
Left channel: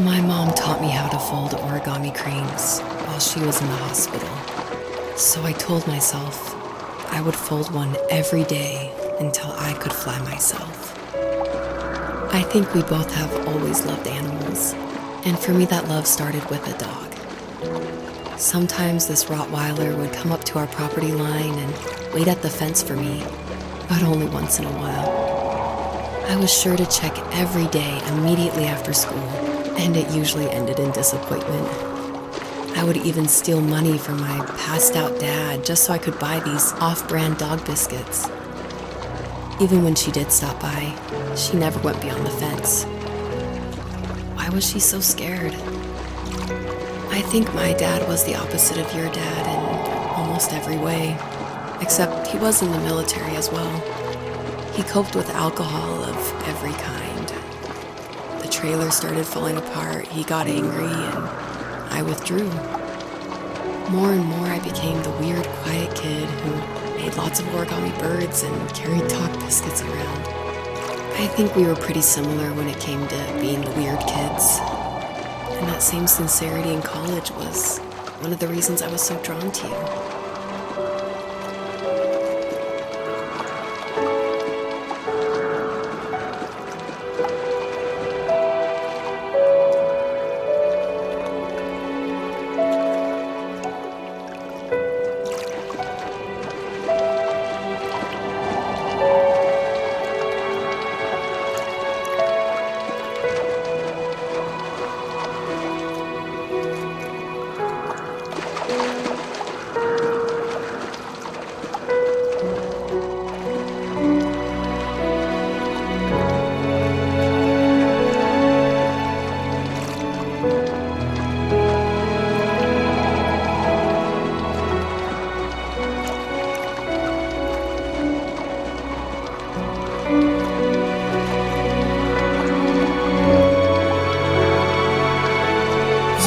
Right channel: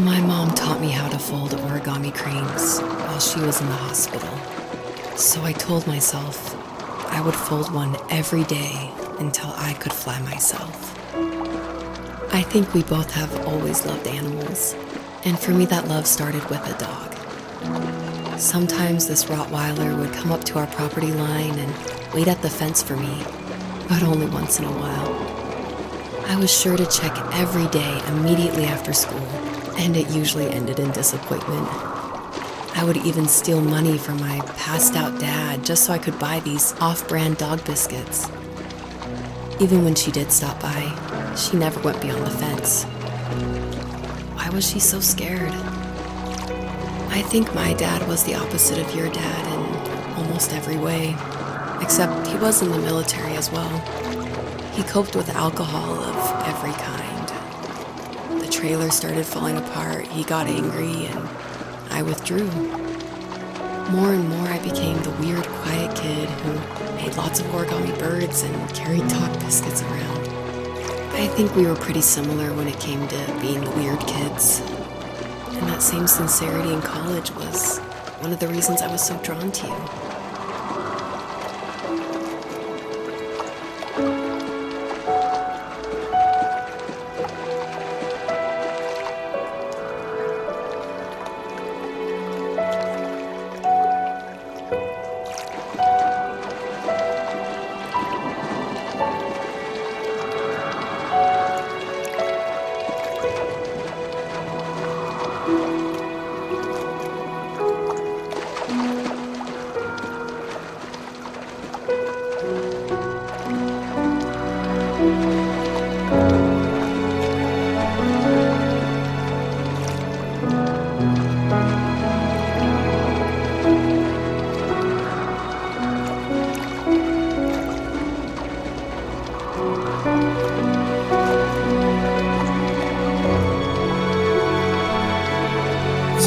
My mom taught me how to fold origami cranes while she was in the hospital. So I told myself I would fold one every day until I could fly myself. I think we both have always loved animals. And for me, that love started with a dog. Sometimes this Rottweiler would come up to our property line and wait at the fence for me, but only once in a while. I was sure to check every day immediately after school, and it usually ended in disappointment. I would even steal money from my passed-out dad just so I could buy these off-brand dog biscuits. Even when she did stop by, she never went beyond the fence. Why was she so scared? I think my dad was the opposite of your dad in almost every way, except he was in the military as well. He coped with alcohol of every kind. The trailer started falling apart, he got angry, and I withdrew. More and more I became the weird, quiet kid who made lots of origami birds and carried dog biscuits around. I think we were pretty similar when it came to being the weird kids. And that same sincerity in college was one of the reasons I was so drawn to you.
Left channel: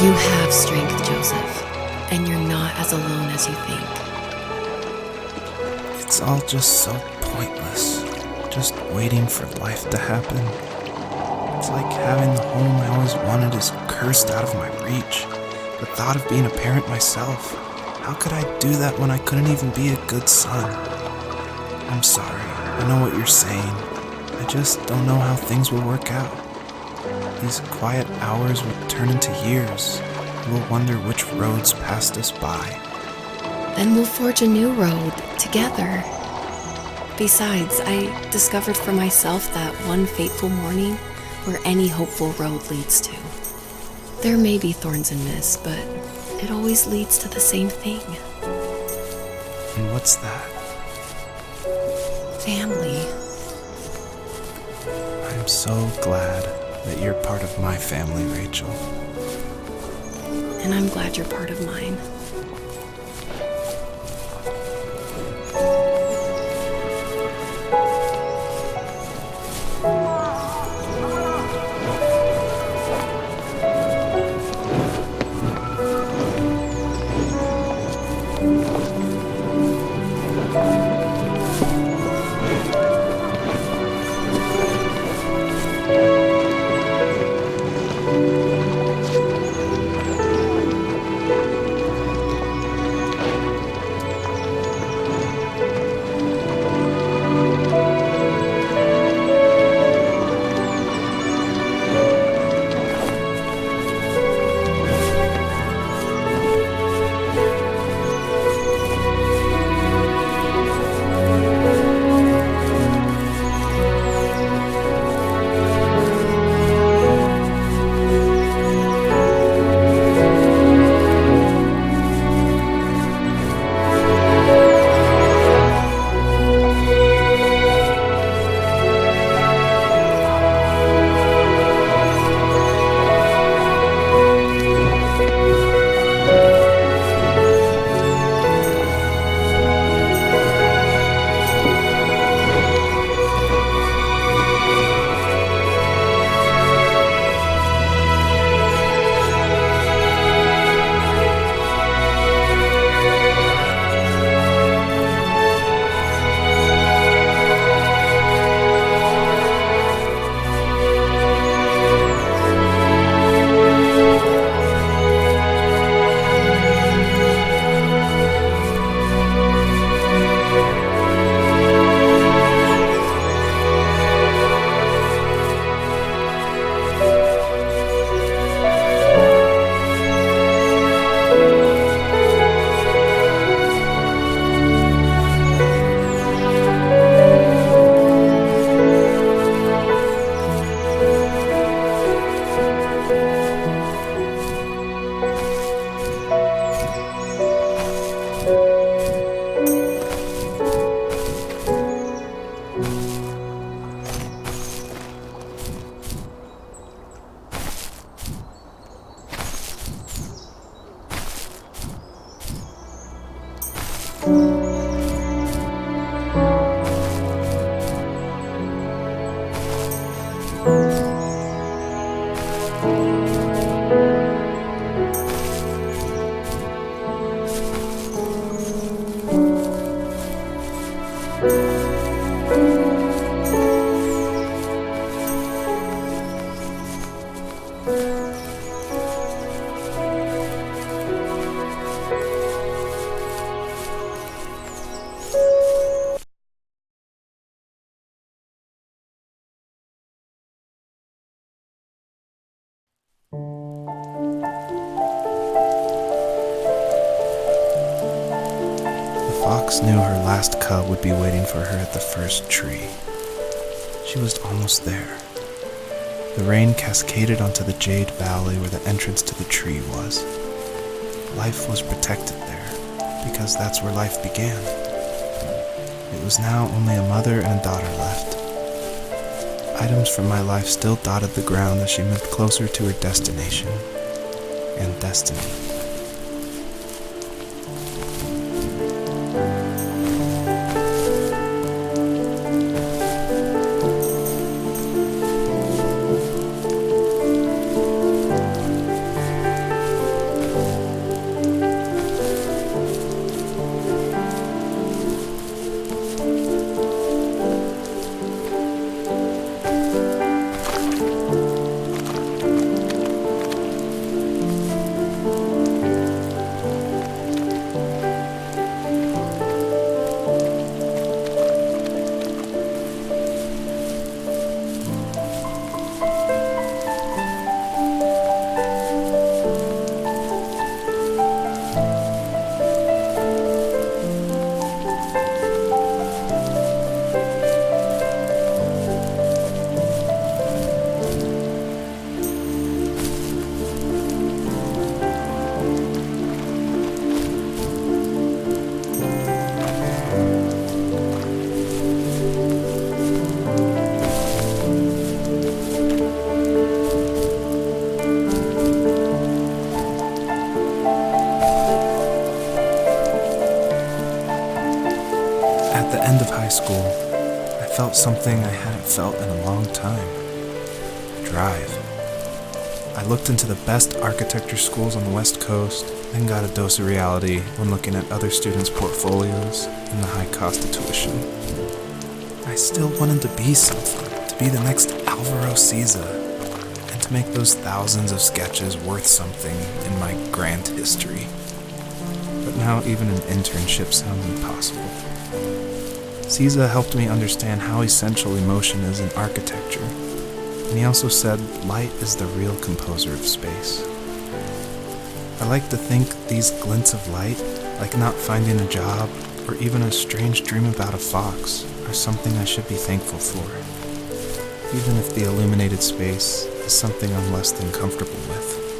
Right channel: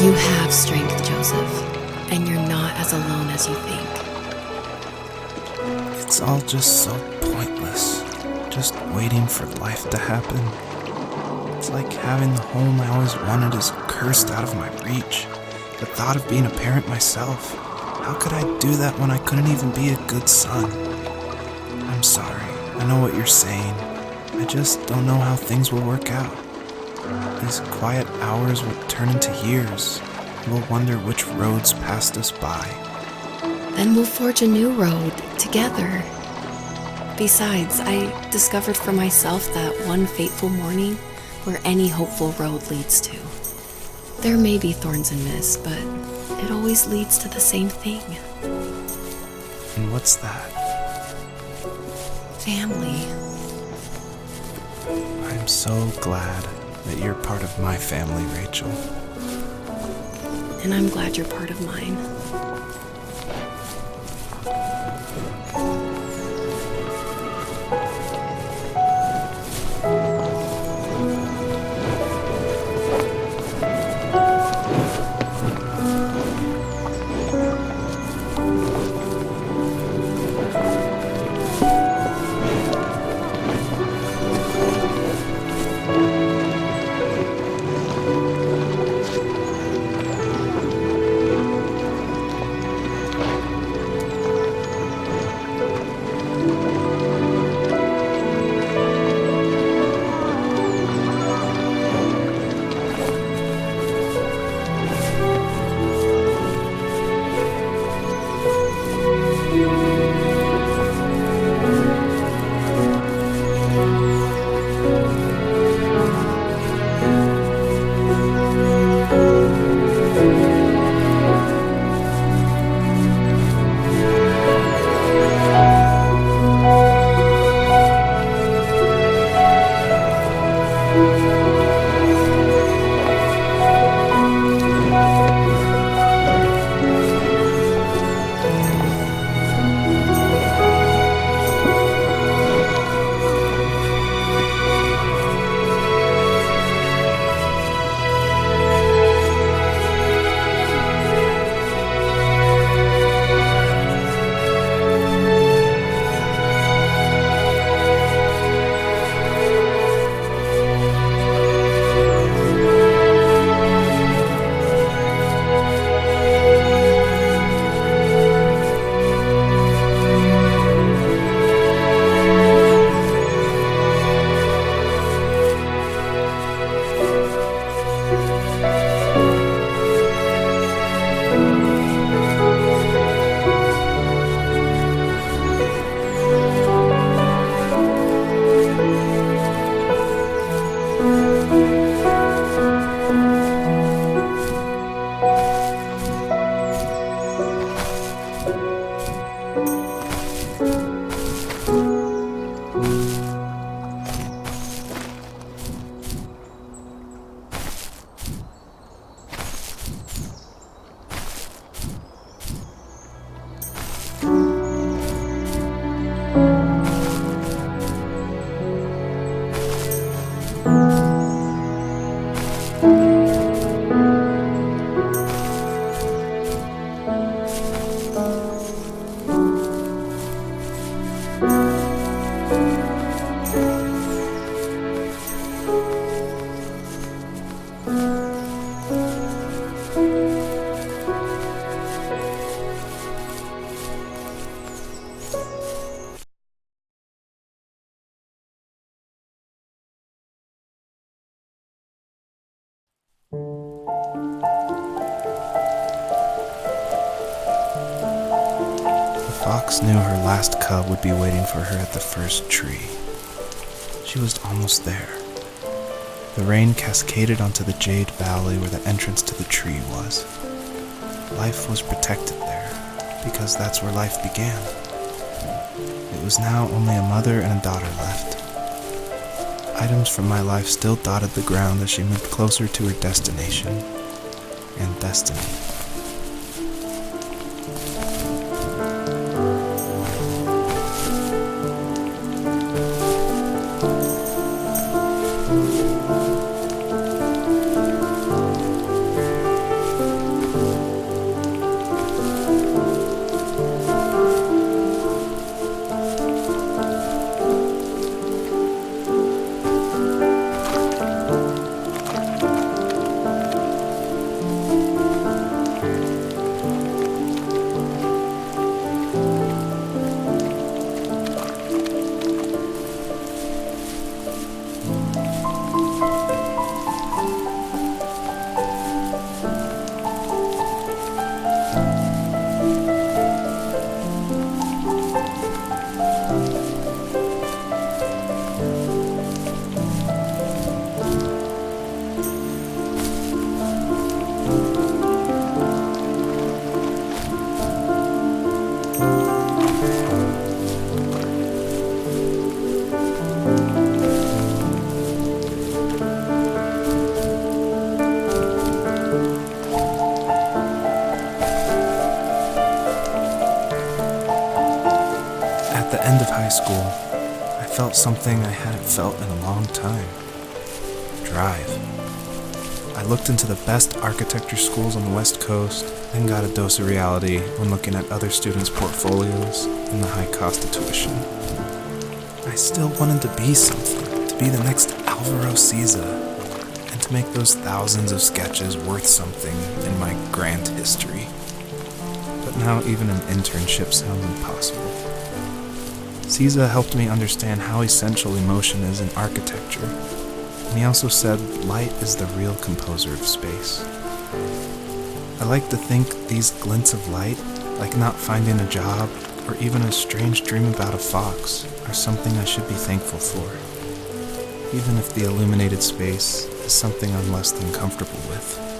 You have strength, Joseph, and you're not as alone as you think. It's all just so pointless. Just waiting for life to happen. It's like having the home I always wanted is cursed out of my reach. The thought of being a parent myself. How could I do that when I couldn't even be a good son? I'm sorry. I know what you're saying. I just don't know how things will work out. These quiet hours will turn into years. We'll wonder which roads passed us by. Then we'll forge a new road together. Besides, I discovered for myself that one fateful morning where any hopeful road leads to. There may be thorns and mist, but it always leads to the same thing. And what's that? Family. I'm so glad that you're part of my family, Rachel. And I'm glad you're part of mine. The fox knew her last cub would be waiting for her at the first tree. She was almost there. The rain cascaded onto the jade valley where the entrance to the tree was. Life was protected there, because that's where life began. It was now only a mother and a daughter left. Items from my life still dotted the ground as she moved closer to her destination and destiny. end of high school, I felt something I hadn't felt in a long time. Drive. I looked into the best architecture schools on the West Coast, then got a dose of reality when looking at other students' portfolios and the high cost of tuition. I still wanted to be something, to be the next Alvaro Siza, and to make those thousands of sketches worth something in my grand history. But now even an internship sounds impossible. Siza helped me understand how essential emotion is in architecture, and he also said light is the real composer of space. I like to think these glints of light, like not finding a job or even a strange dream about a fox, are something I should be thankful for, even if the illuminated space is something I'm less than comfortable with.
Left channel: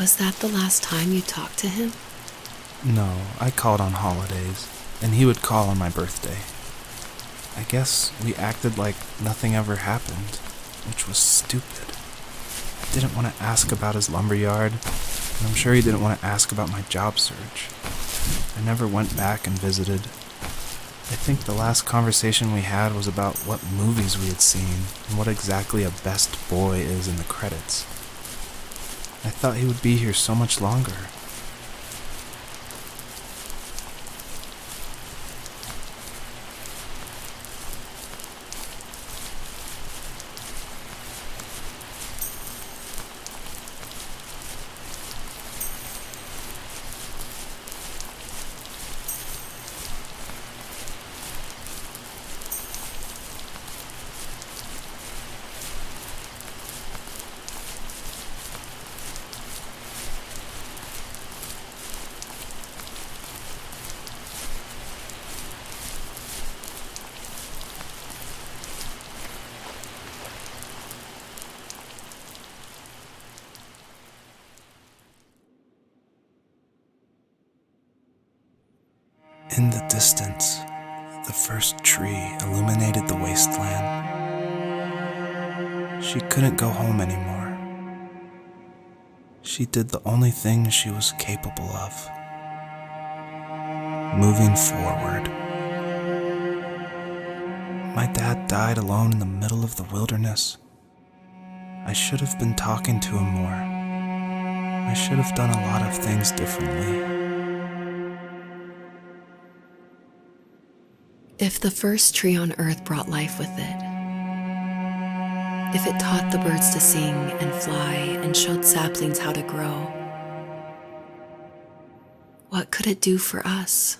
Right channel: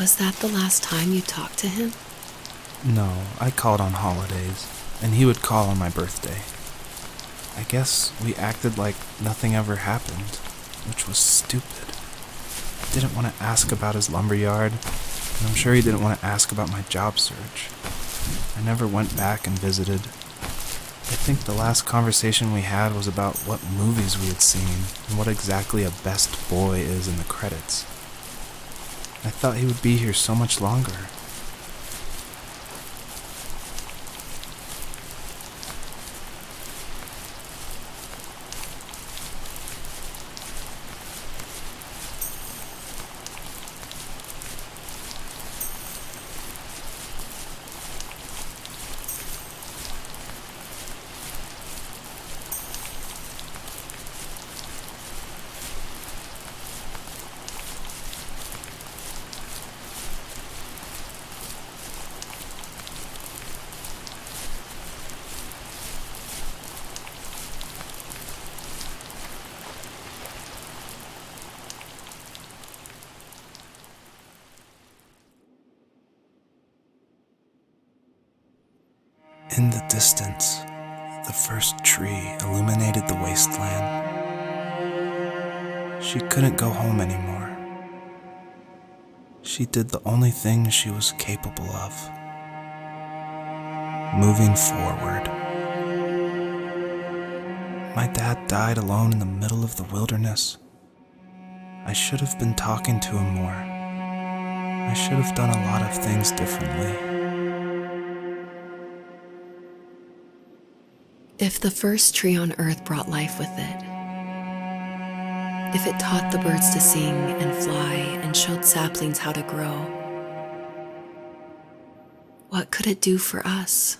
Was that the last time you talked to him? No, I called on holidays, and he would call on my birthday. I guess we acted like nothing ever happened, which was stupid. I didn't want to ask about his lumberyard, and I'm sure he didn't want to ask about my job search. I never went back and visited. I think the last conversation we had was about what movies we had seen and what exactly a best boy is in the credits. I thought he would be here so much longer. In the distance, the first tree illuminated the wasteland. She couldn't go home anymore. She did the only thing she was capable of: moving forward. My dad died alone in the middle of the wilderness. I should have been talking to him more. I should have done a lot of things differently. If the first tree on earth brought life with it, if it taught the birds to sing and fly and showed saplings how to grow, what could it do for us?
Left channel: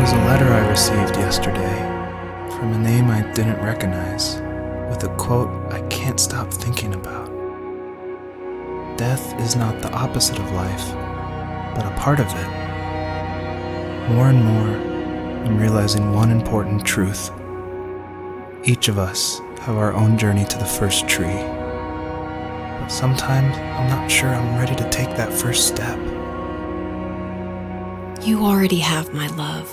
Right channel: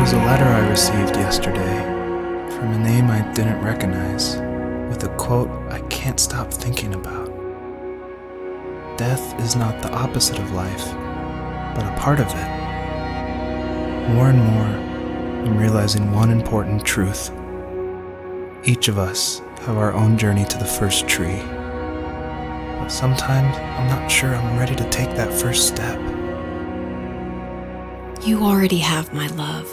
Was a letter I received yesterday from a name I didn't recognize, with a quote I can't stop thinking about. Death is not the opposite of life, but a part of it. More and more, I'm realizing one important truth. Each of us have our own journey to the first tree, but sometimes I'm not sure I'm ready to take that first step. You already have my love.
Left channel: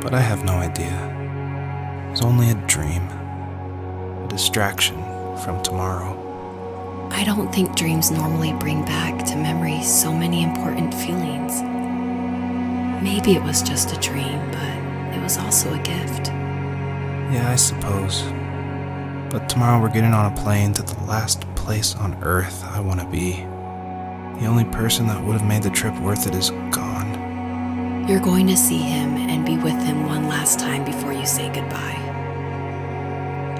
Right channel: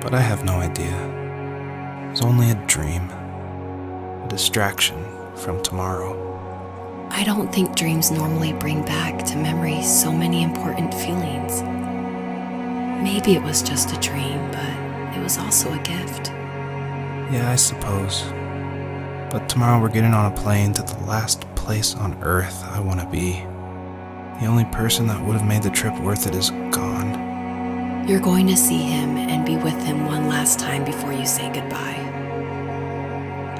But I have no idea. It was only a dream, a distraction from tomorrow. I don't think dreams normally bring back to memory so many important feelings. Maybe it was just a dream, but it was also a gift. Yeah, I suppose. But tomorrow we're getting on a plane to the last place on Earth I want to be. The only person that would have made the trip worth it is gone. You're going to see him and be with him one last time before you say goodbye.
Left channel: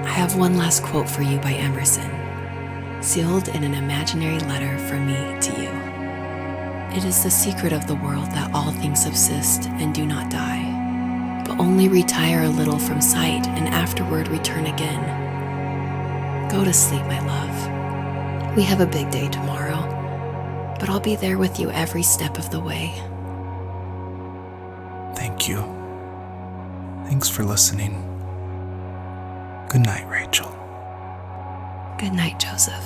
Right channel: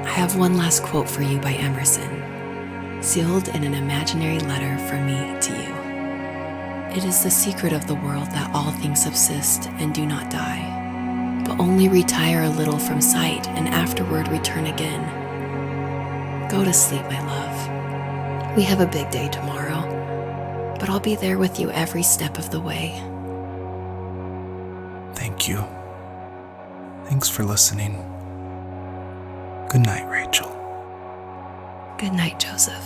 I have one last quote for you by Emerson, sealed in an imaginary letter from me to you. It is the secret of the world that all things subsist and do not die, but only retire a little from sight and afterward return again. Go to sleep, my love. We have a big day tomorrow, but I'll be there with you every step of the way. Thank you. Thanks for listening. Good night, Rachel. Good night, Joseph.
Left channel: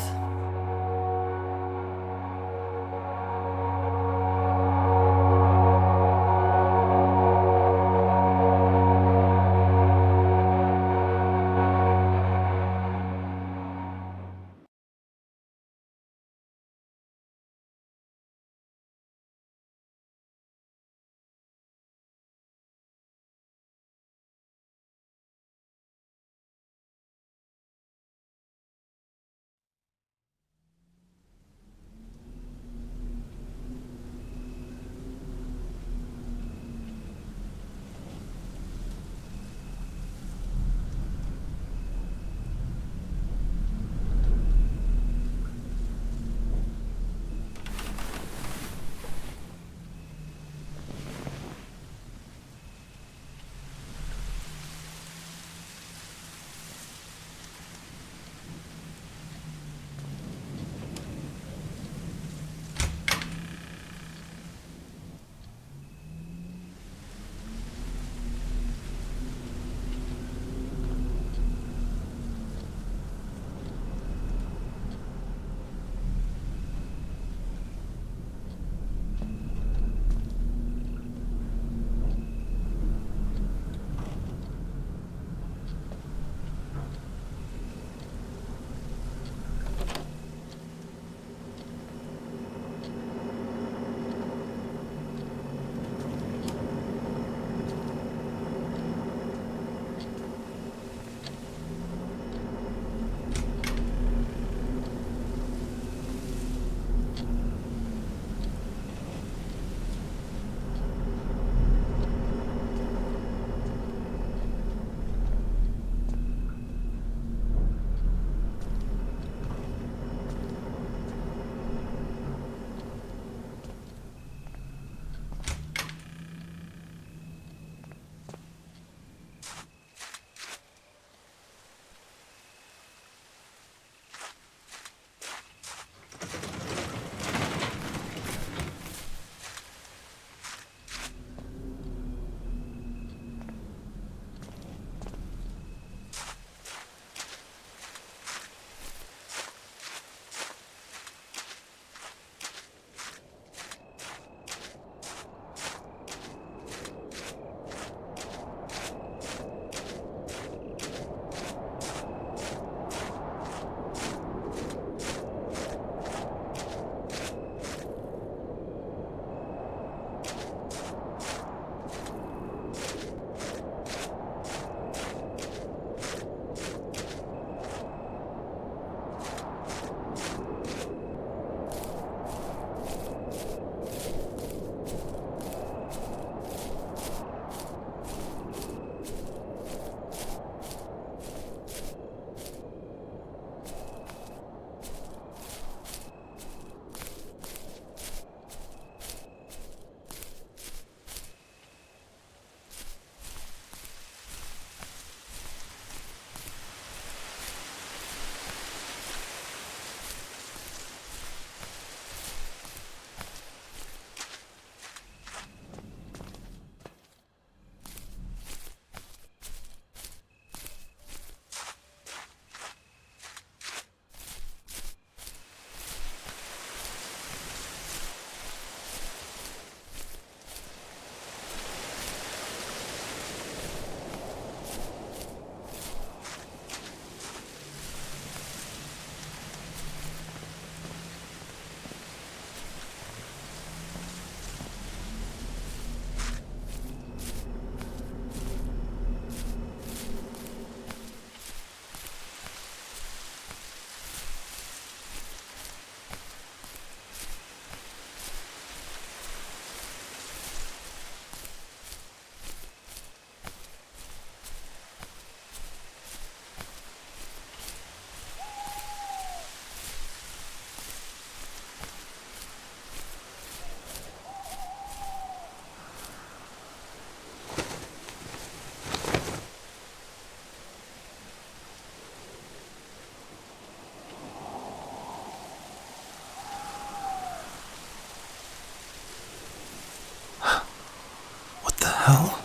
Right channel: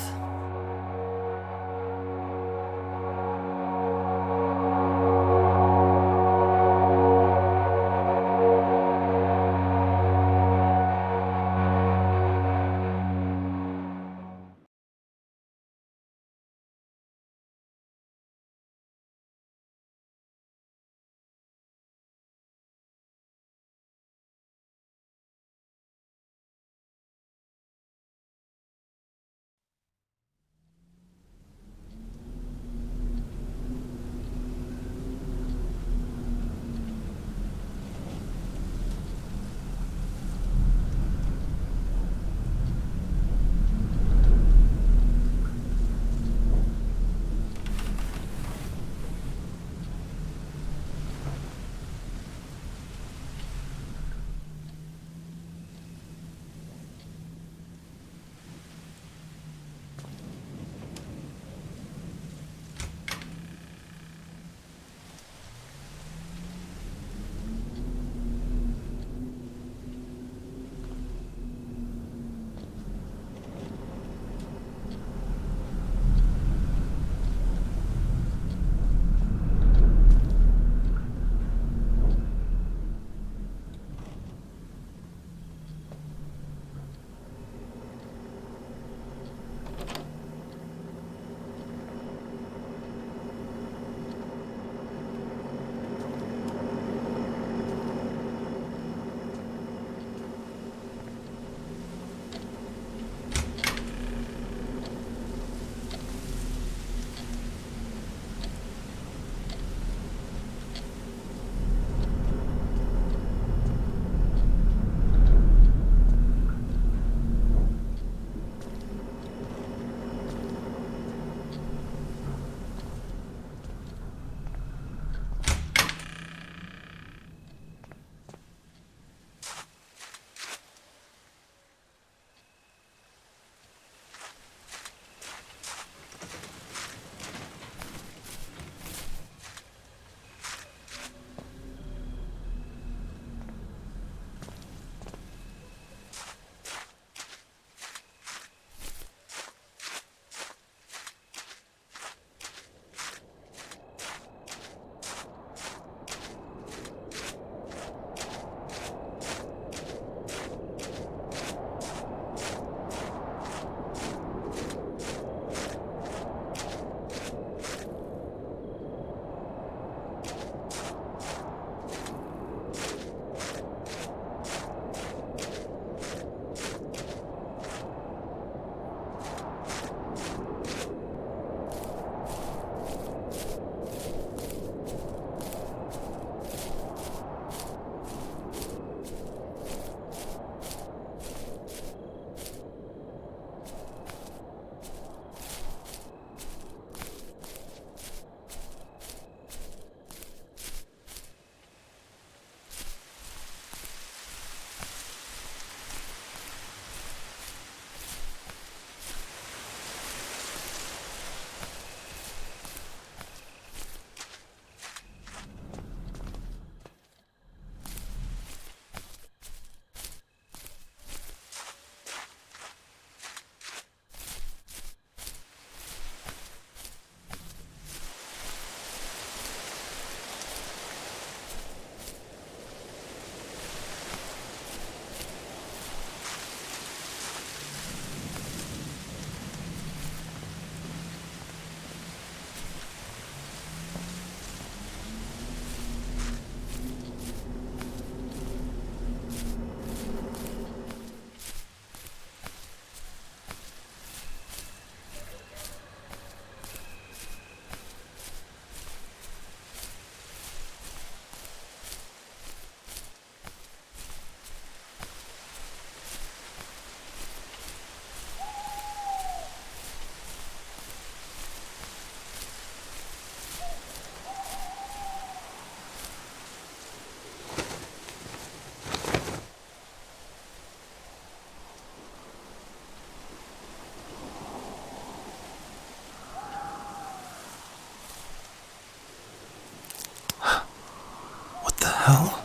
hell?